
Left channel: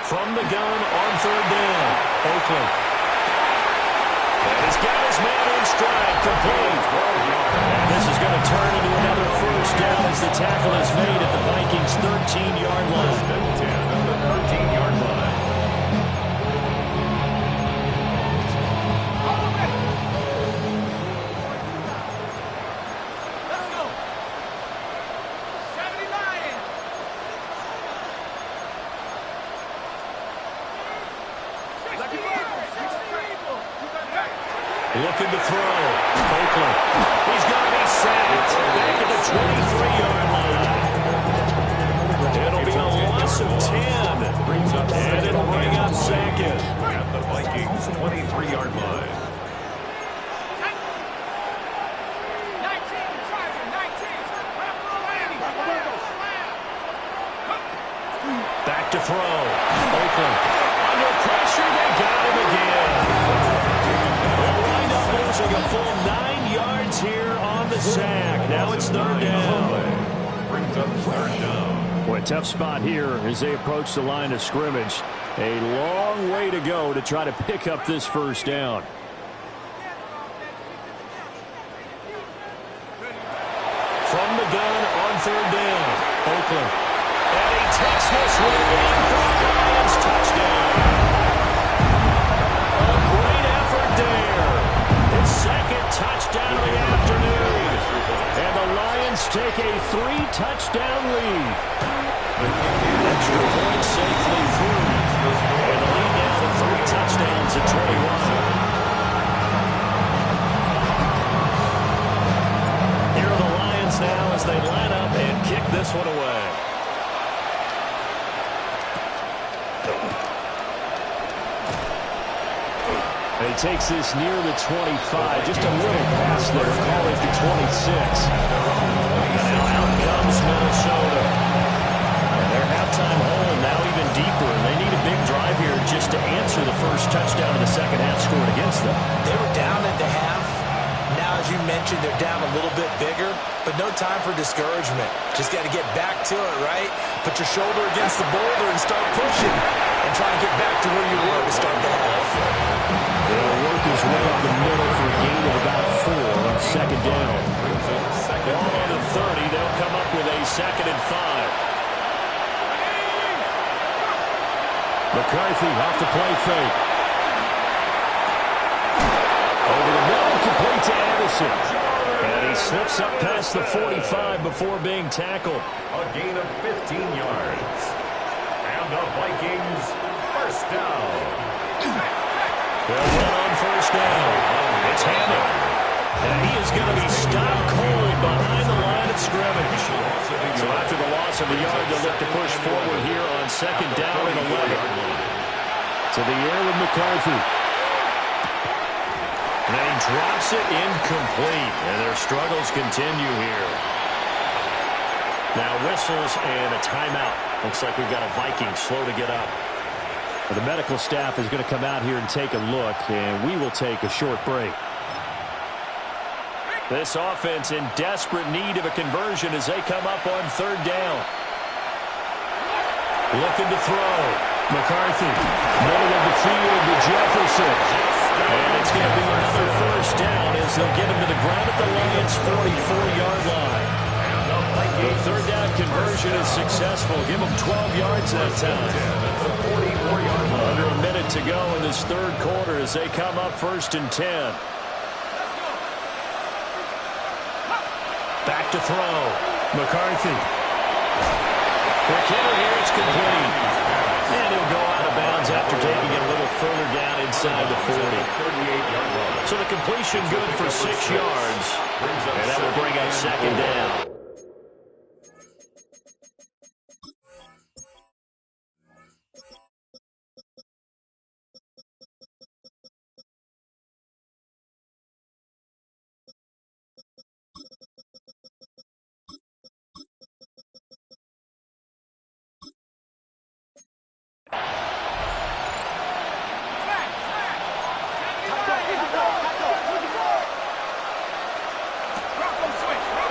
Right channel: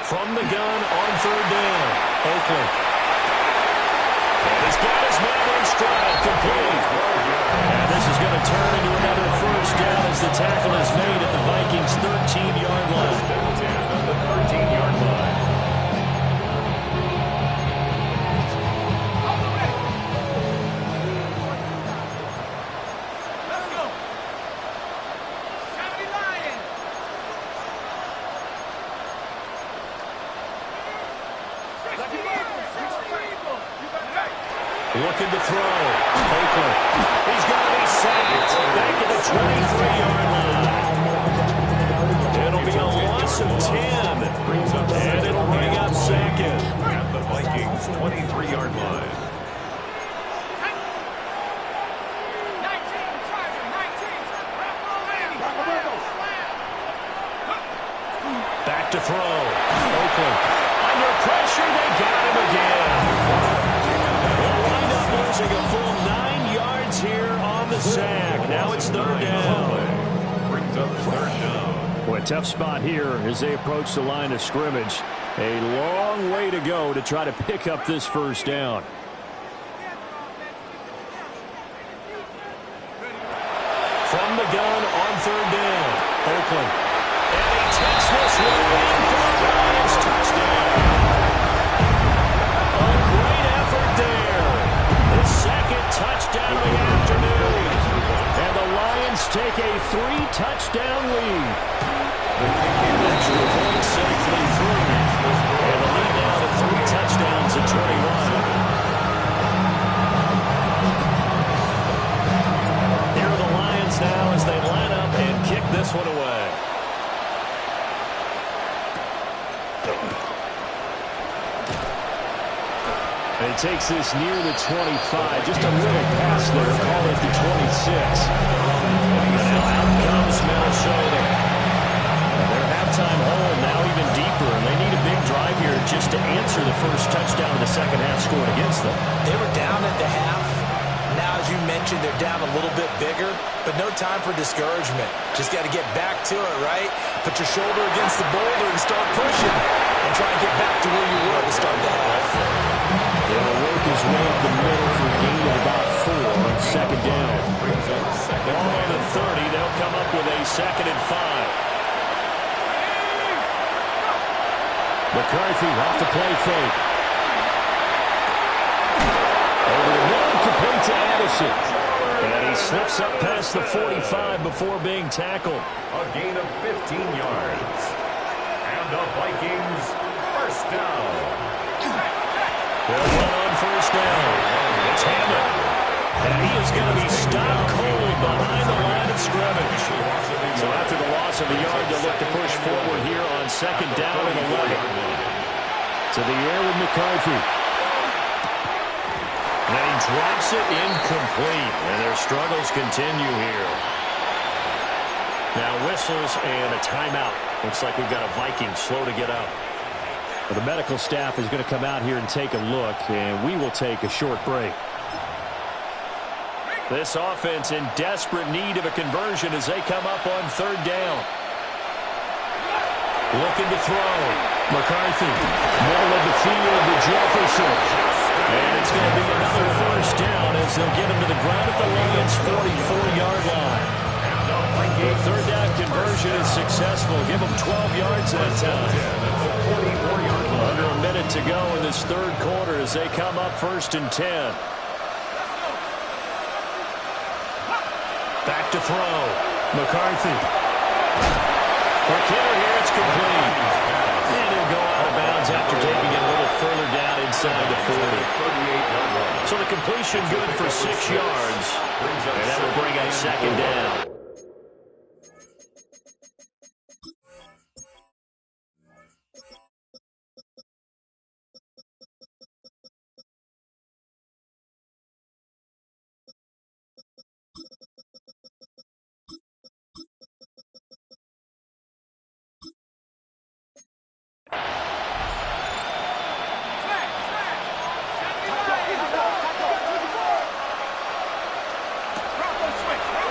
From the gun on 3rd down, Oakland. And he's got his man in stride, complete. And this is going to turn into another 1st down as the tackle is made at the Vikings' 13-yard line. 10 at the 13-yard line. Let's go. 70 Lions. Looking to throw. Oakland. He's going to be sacked. Back at the 23-yard line. It'll be a loss of 10. And it'll bring up 2nd. At the Vikings' 23-yard line. 19, Charger, 19. Back to throw. Oakland. Under pressure, they got him again. They'll wind up losing a full 9 yards here on the sack. Now it's 3rd down. Brings up 3rd down. Boy, a tough spot here as they approach the line of scrimmage. A long way to go to try to pick up this 1st down. From the gun on 3rd down, Oakland. And he takes this one in for a Lions touchdown. A great effort there. His 2nd touchdown of the afternoon. And the Lions take a 3-touchdown lead. Extra point safely through. And the lead now to 3 touchdowns at 21. Here are the Lions now as they line up and kick this one away. And he takes this near the 25. Just a little pass there. Call it the 26. And now out comes Minnesota. And their halftime hole now even deeper. And they need a big drive here just to answer the first touchdown of the second half scored against them. They were down at the half. Now, as you mentioned, they're down a little bit bigger, but no time for discouragement. Just got to get back to it, right? Put your shoulder against the boulder and start pushing and try and get back to where you were to start the half. He'll work his way up the middle for a gain of about 4 on 2nd down. Ball on the 30. They'll come up with a 2nd and 5. McCarthy off the play fake. Over the middle, complete to Addison. And he slips up past the 45 before being tackled. A gain of 15 yards. And the Vikings 1st down. They'll run on 1st down. It's Hammond. And he is going to be stopped cold behind the line of scrimmage. So after the loss of a yard, they'll look to push forward here on 2nd down and 11. To the air with McCarthy. And he drops it incomplete. And their struggles continue here. Now whistles and a timeout. Looks like we've got a Viking slow to get up. Well, the medical staff is going to come out here and take a look, and we will take a short break. This offense in desperate need of a conversion as they come up on 3rd down. Looking to throw. McCarthy, middle of the field to Jefferson. And it's going to be another 1st down as they'll get him to the ground at the Lions' 44-yard line. The third down conversion is successful. Give them 12 yards that time. Under a minute to go in this third quarter as they come up 1st and 10. Back to throw. McCarthy. Quick hitter here. It's complete. And he'll go out of bounds after taking it a little further down inside the 40. So the completion good for 6 yards. And that will bring up 2nd down.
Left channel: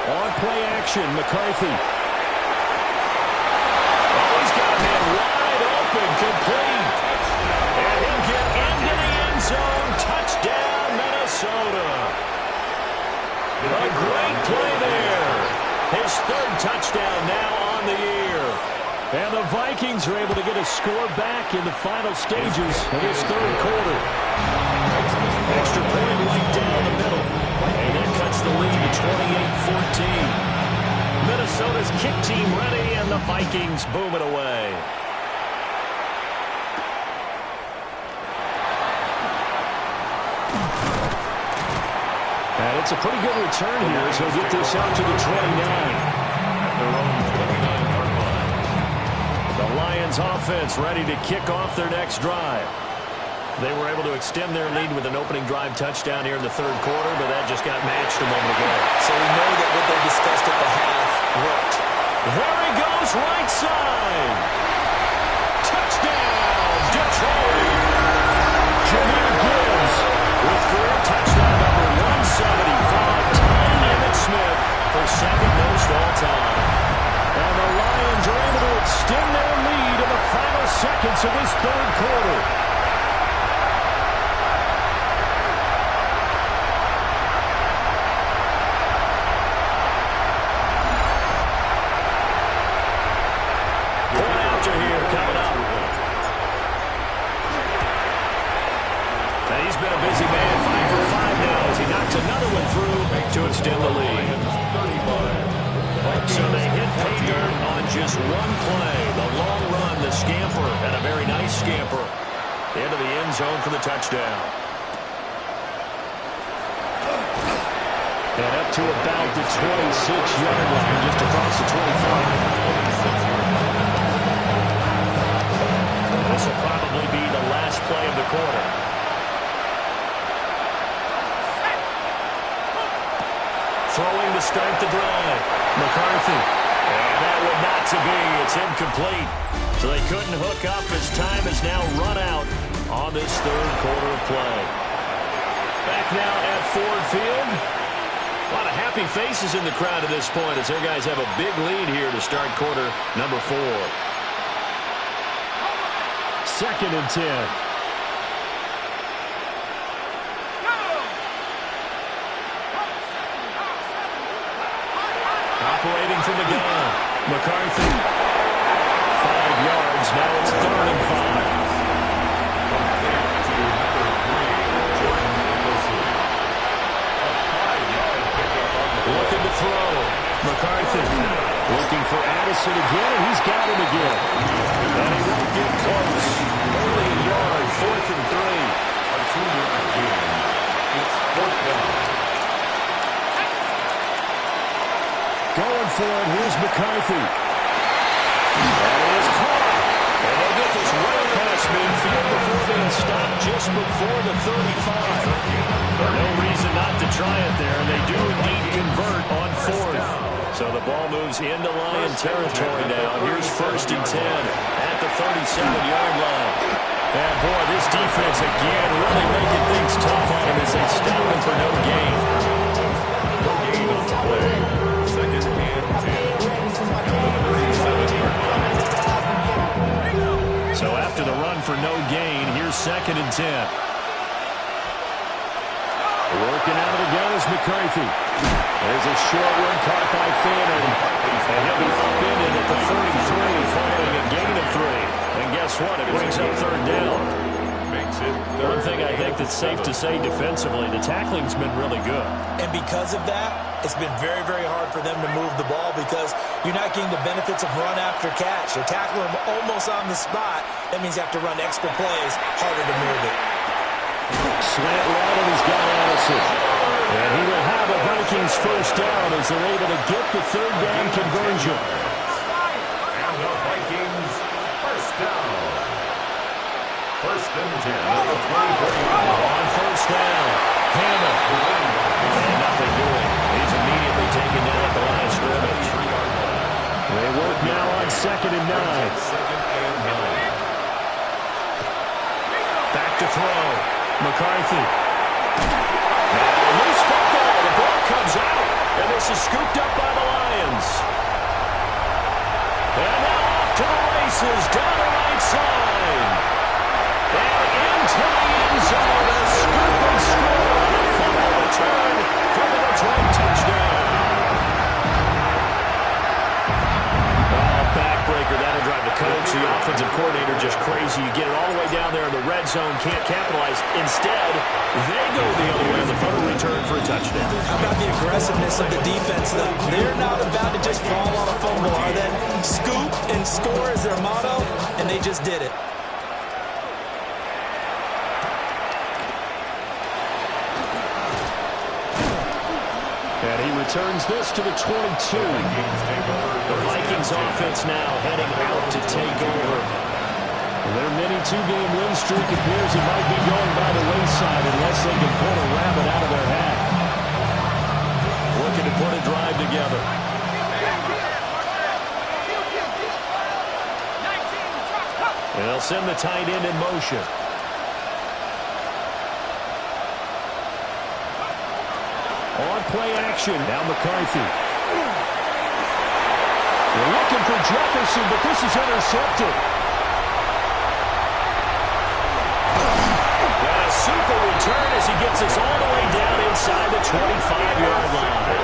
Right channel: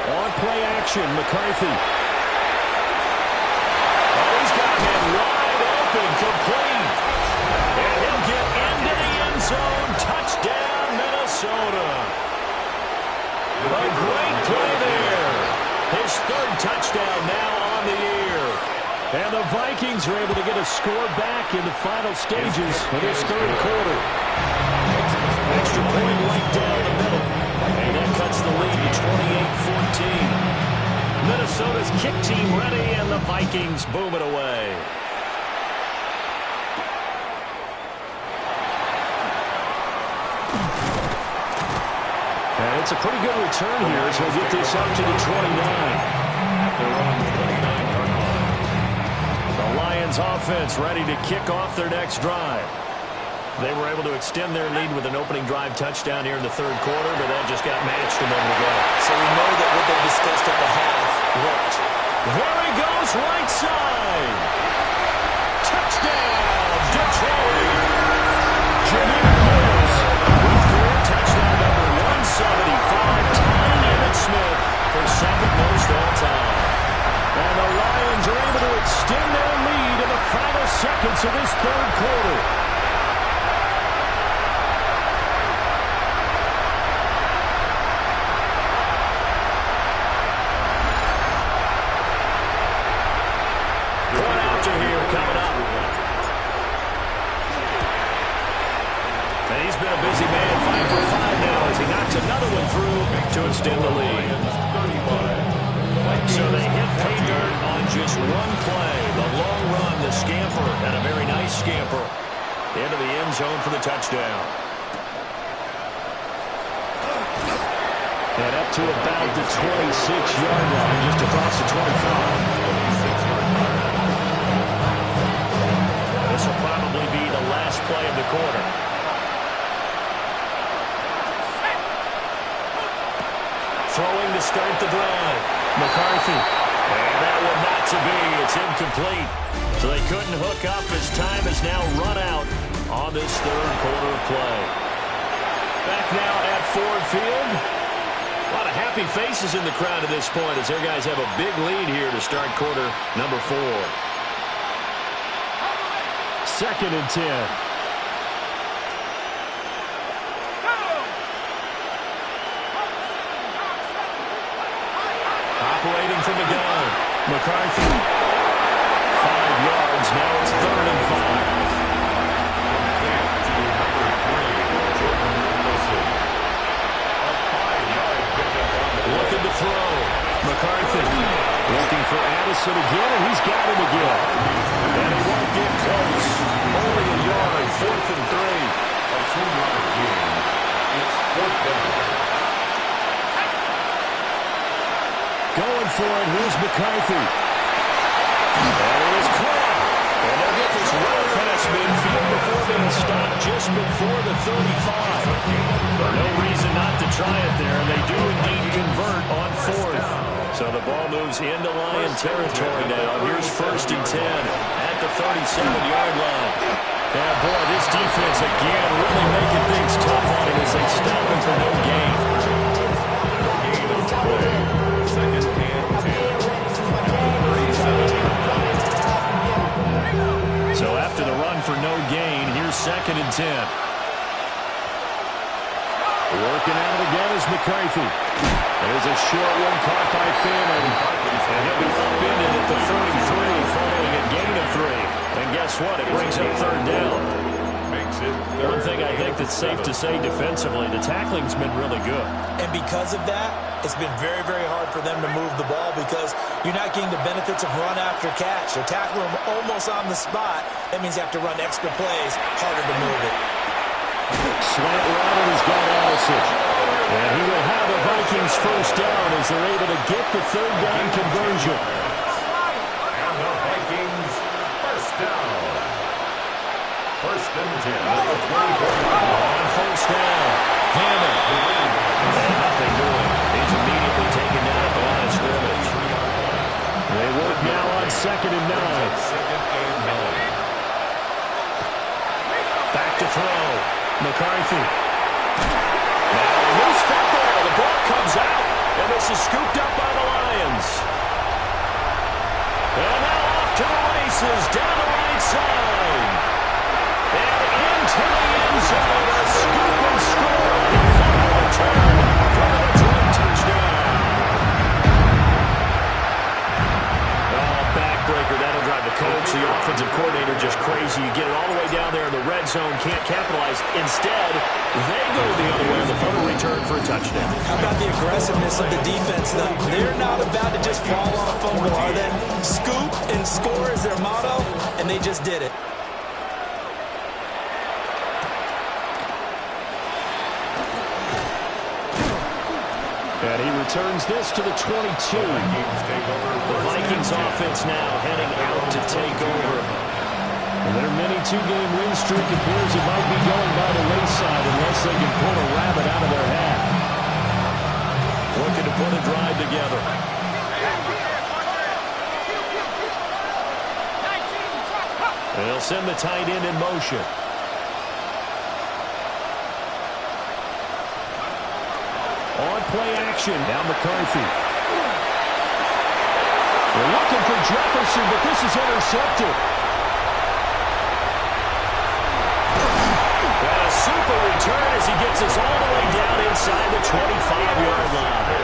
On play action, McCarthy. Oh, he's got a man wide open, complete. And he'll get into the end zone. Touchdown, Minnesota. A great play there. His 3rd touchdown now on the year. And the Vikings are able to get a score back in the final stages of this third quarter. Extra point right down the middle. And that cuts the lead to 28-14. Minnesota's kick team ready, and the Vikings boom it away. And it's a pretty good return here as he'll get this out to the 29. At their own 29-yard line. The Lions offense ready to kick off their next drive. They were able to extend their lead with an opening drive touchdown here in the third quarter, but that just got matched a moment ago. So we know that what they discussed at the half worked. There he goes, right side. Touchdown, Detroit. Jahmyr Gibbs with career touchdown number 175, tying Emmitt Smith for 2nd most all time. And the Lions are able to extend their lead in the final seconds of this third quarter. Coming up. And he's been a busy man, 5 for 5 now as he knocks another one through to extend the lead. So they hit pay dirt on just one play. The long run, the scamper, and a very nice scamper into the end zone for the touchdown. And up to about the 26-yard line, just across the 25. 26-yard line. This will probably be the last play of the quarter. Throwing to start the drive. McCarthy. And that one not to be. It's incomplete. So they couldn't hook up as time has now run out on this third quarter of play. Back now at Ford Field. A lot of happy faces in the crowd at this point as their guys have a big lead here to start quarter number 4. 2nd and 10. Operating from the gun. McCarthy. 5 yards. Now it's 3rd and 5. From there to number 3, Jordan Wilson. A 5-yard pickup on the play. Looking to throw. McCarthy. Looking for Addison again, and he's got him again. And he won't get close. Only a yard, 4th and 3. A 2-yard gain. It's 4th down. Going for it, here's McCarthy. And it is caught. And they'll get this right past midfield before being stopped just before the 35. No reason not to try it there, and they do indeed convert on 4th. So the ball moves into Lion territory now. Here's 1st and 10 at the 37-yard line. And, boy, this defense, again, really making things tough on him as they stop him for no gain. No gain on the play. 2nd and 10 at the 37-yard line. So after the run for no gain, here's 2nd and 10. Working at it again is McCarthy. There's a short one caught by Fannin. And he'll be upended at the 33 following a gain of 3. And guess what? It brings up third down. One thing I think that's safe to say defensively, the tackling's been really good. And because of that, it's been very, very hard for them to move the ball because you're not getting the benefits of run after catch. They're tackling them almost on the spot. That means you have to run extra plays, harder to move it. Slant route, and he's got Addison. And he will have a Vikings first down as they're able to get the third down conversion. And the Vikings first down. First and 10 at the 24-yard line. On first down, Hammond. And nothing doing. He's immediately taken down at the line of scrimmage. They work now on 2nd and 9. Back to throw. McCarthy. Now a loose football. The ball comes out. And this is scooped up by the Lions. And now off to the races down the right side. And into the end zone. A scoop and score on a fumble return for the Detroit touchdown. Backbreaker, that'll drive the coach, the offensive coordinator, just crazy. You get it all the way down there in the red zone, can't capitalize. Instead, they go the other way on the fumble return for a touchdown. How about the aggressiveness of the defense, though? They're not about to just fall on a fumble, are they? Scoop and score is their motto, and they just did it. And he returns this to the 22. The Vikings offense now heading out to take over. Their mini two-game win streak appears it might be going by the wayside unless they can pull a rabbit out of their hat. Looking to put a drive together. And they'll send the tight end in motion. On play action, now McCarthy. They're looking for Jefferson, but this is intercepted. And a super return as he gets us all the way down inside the 25-yard line.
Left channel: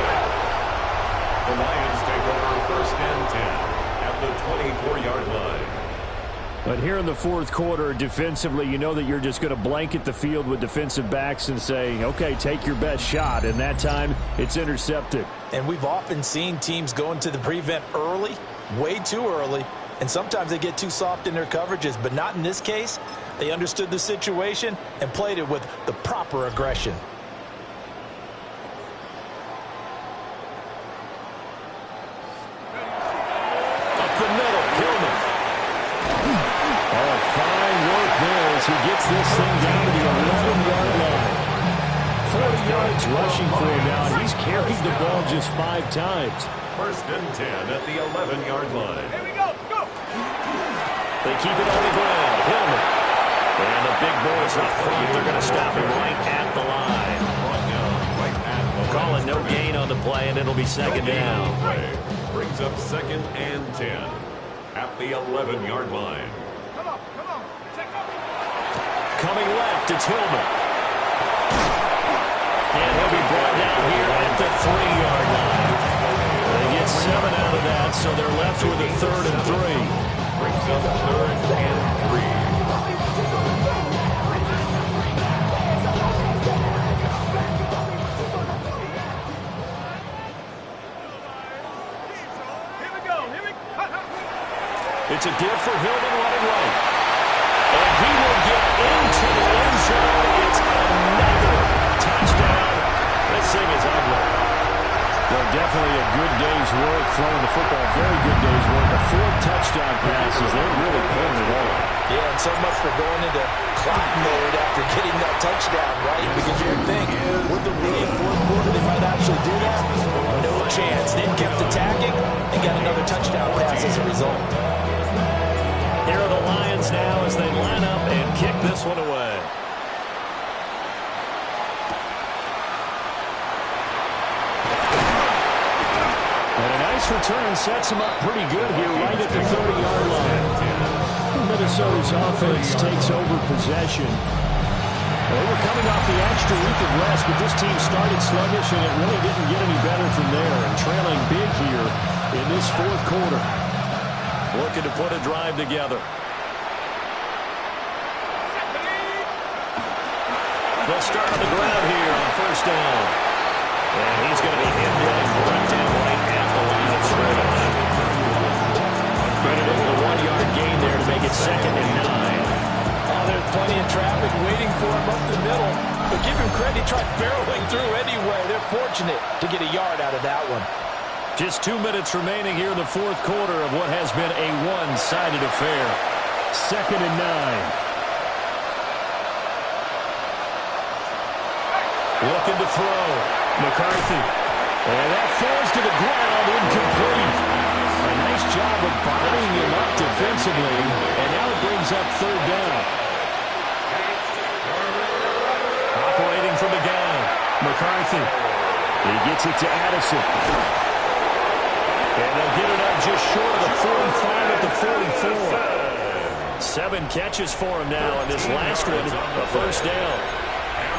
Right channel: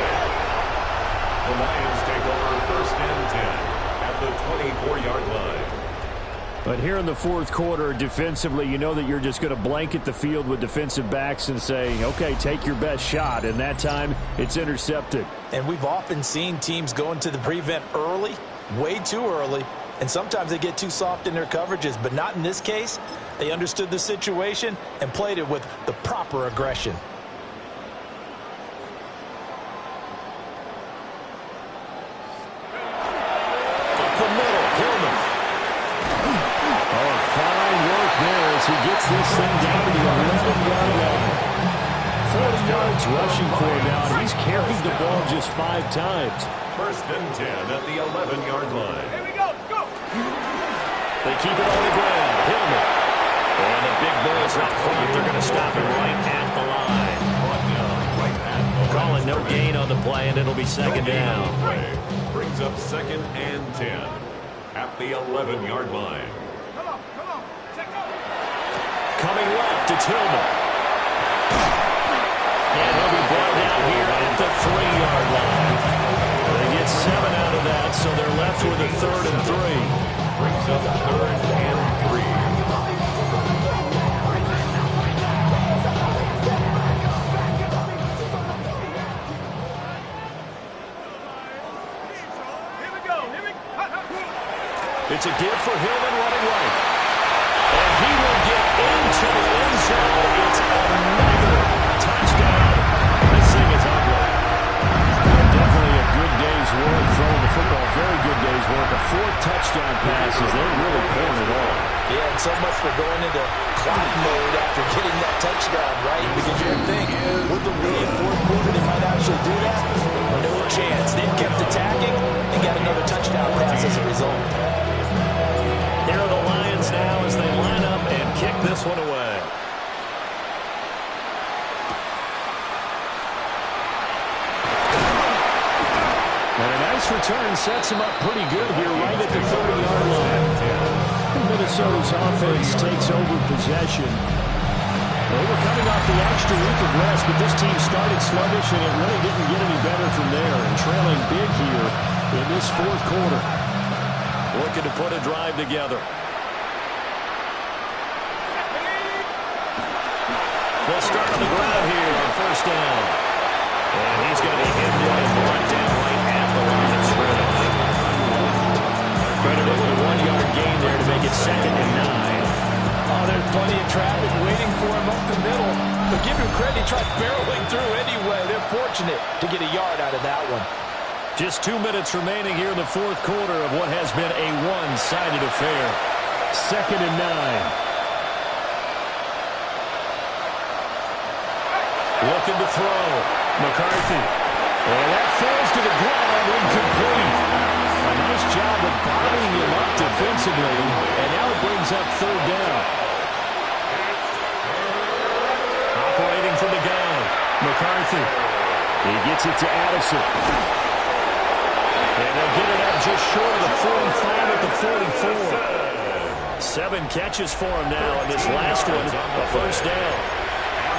The Lions take over first and 10 at the 24-yard line. But here in the fourth quarter, defensively, you know that you're just going to blanket the field with defensive backs and say, okay, take your best shot. And that time, it's intercepted. And we've often seen teams go into the prevent early, way too early, and sometimes they get too soft in their coverages. But not in this case. They understood the situation and played it with the proper aggression. Up the middle, Hillman. Oh, fine work there as he gets this thing down to the 11-yard line. 40 yards rushing for him now, and he's carried the ball just 5 times. First and 10 at the 11-yard line. Here we go, go! They keep it on the ground. Hillman. And the big boys up front. They're going to stop him right at the line. Calling no gain on the play, and it'll be second down. Brings up 2nd and 10 at the 11-yard line. Come on, check out! Coming left, it's Hillman. And he'll be brought down here at the 3-yard line. They get 7 out of that, so they're left with a 3rd and 3. Brings up 3rd and 3. It's a give for Hillman running right. And he will get into the end zone. It's another touchdown. This thing is ugly. Definitely a good day's work throwing the football. Very good day's work. A 4th touchdown passes. They're really pulling it on. Yeah, and so much for going into clock mode after getting that touchdown, right? Because you would think with the lead fourth quarter they might actually do that. No chance. They kept attacking and got another touchdown pass as a result. Here are the Lions now as they line up and kick this one away. And a nice return sets him up pretty good here right at the 30-yard line. Minnesota's offense takes over possession. They were coming off the extra week of rest, but this team started sluggish, and it really didn't get any better from there. And trailing big here in this fourth quarter. Looking to put a drive together. They'll start on the ground here on first down. And he's going to be hemmed in and brought down right at the line of scrimmage. Crediting the 1-yard gain there to make it 2nd and 9. Oh, there's plenty of traffic waiting for him up the middle. But give him credit, he tried barreling through anyway. They're fortunate to get a yard out of that one. Just 2 minutes remaining here in the fourth quarter of what has been a one-sided affair. 2nd and 9. Looking to throw. McCarthy. And that falls to the ground, incomplete. A nice job of bodying him up defensively. And now it brings up 3rd down. Operating from the gun. McCarthy. He gets it to Addison. And they'll get it up just short of the 45 at the 44. 7 catches for him now, and this last one, a first down.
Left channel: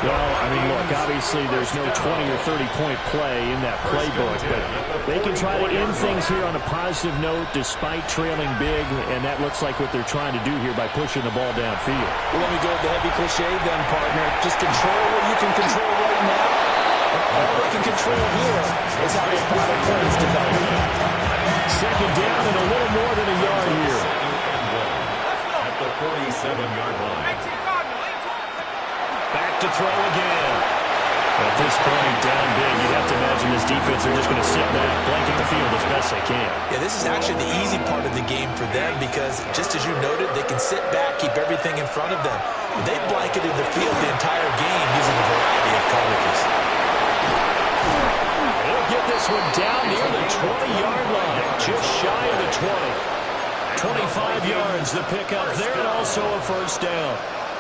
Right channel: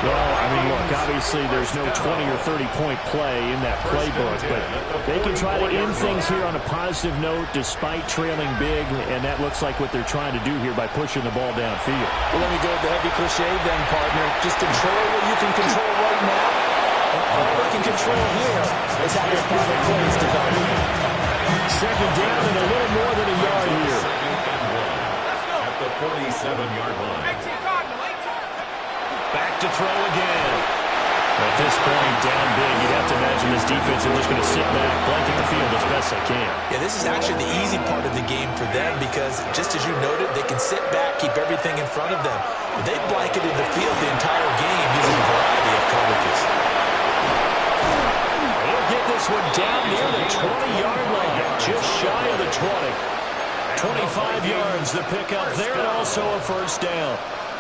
Well, I mean, look, obviously there's no 20 or 30-point play in that playbook, but they can try to end things here on a positive note despite trailing big, and that looks like what they're trying to do here by pushing the ball downfield. Well, let me go with the heavy cliche then, partner. Just control what you can control right now, and all they can control here is how their final plays develop. 2nd down and a little more than a yard here. At the 47-yard line. Back to throw again. At this point, down big, you'd have to imagine this defense are just going to sit back, blanket the field as best they can. Yeah, this is actually the easy part of the game for them because, just as you noted, they can sit back, keep everything in front of them. But they blanketed the field the entire game using a variety of coverages. They'll get this one down near the 20-yard line, just shy of the 20. 25 yards, the pickup there, and also a first down.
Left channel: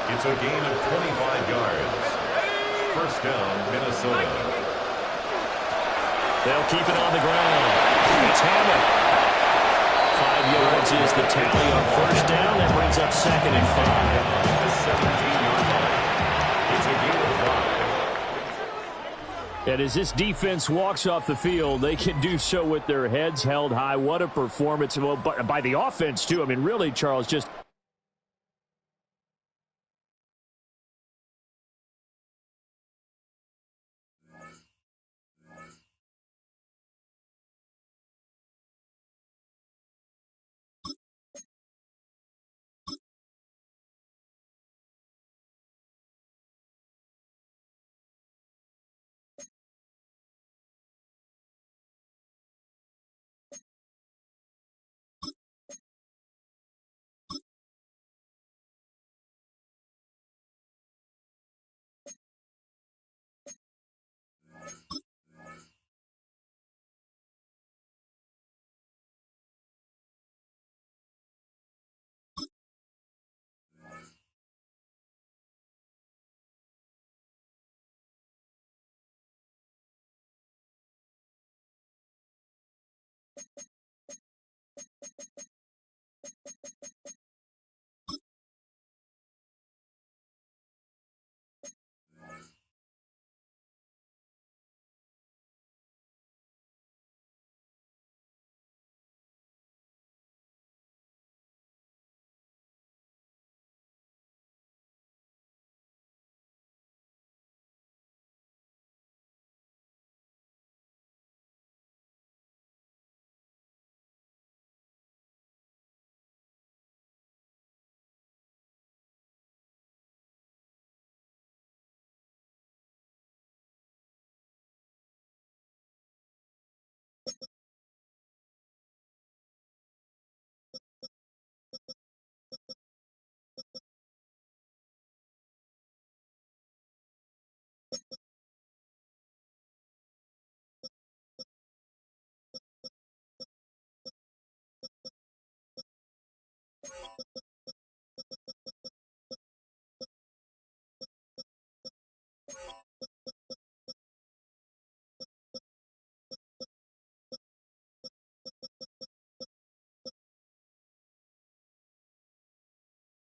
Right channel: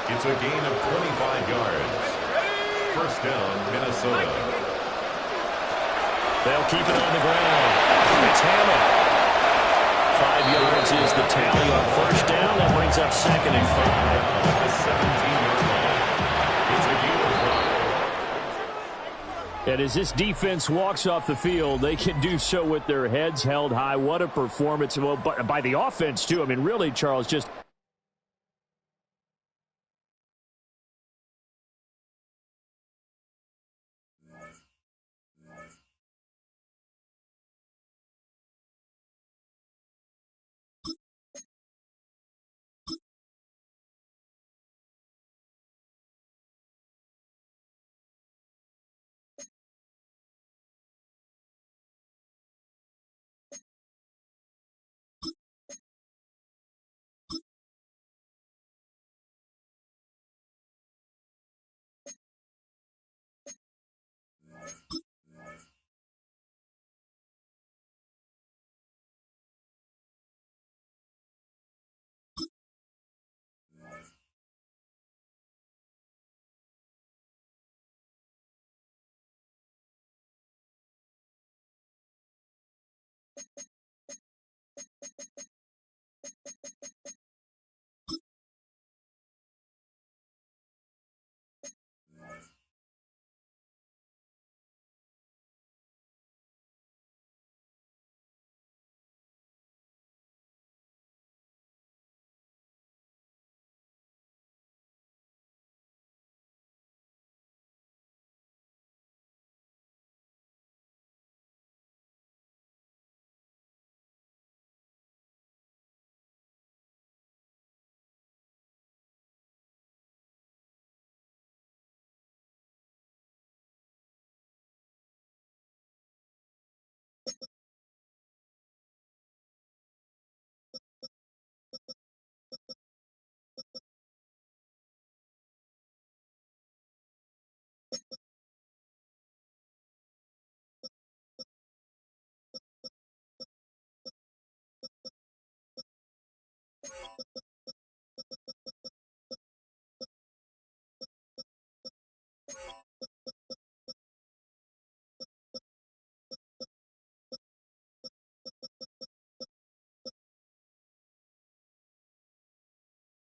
It's a gain of 25 yards. First down, Minnesota. They'll keep it on the ground. It's Hammond. 5 yards is the tally on first down. That brings up 2nd and 5. At the 17-yard line. It's a gain of 5. And as this defense walks off the field, they can do so with their heads held high. What a performance. Well, by the offense, too. I mean, really, Charles, just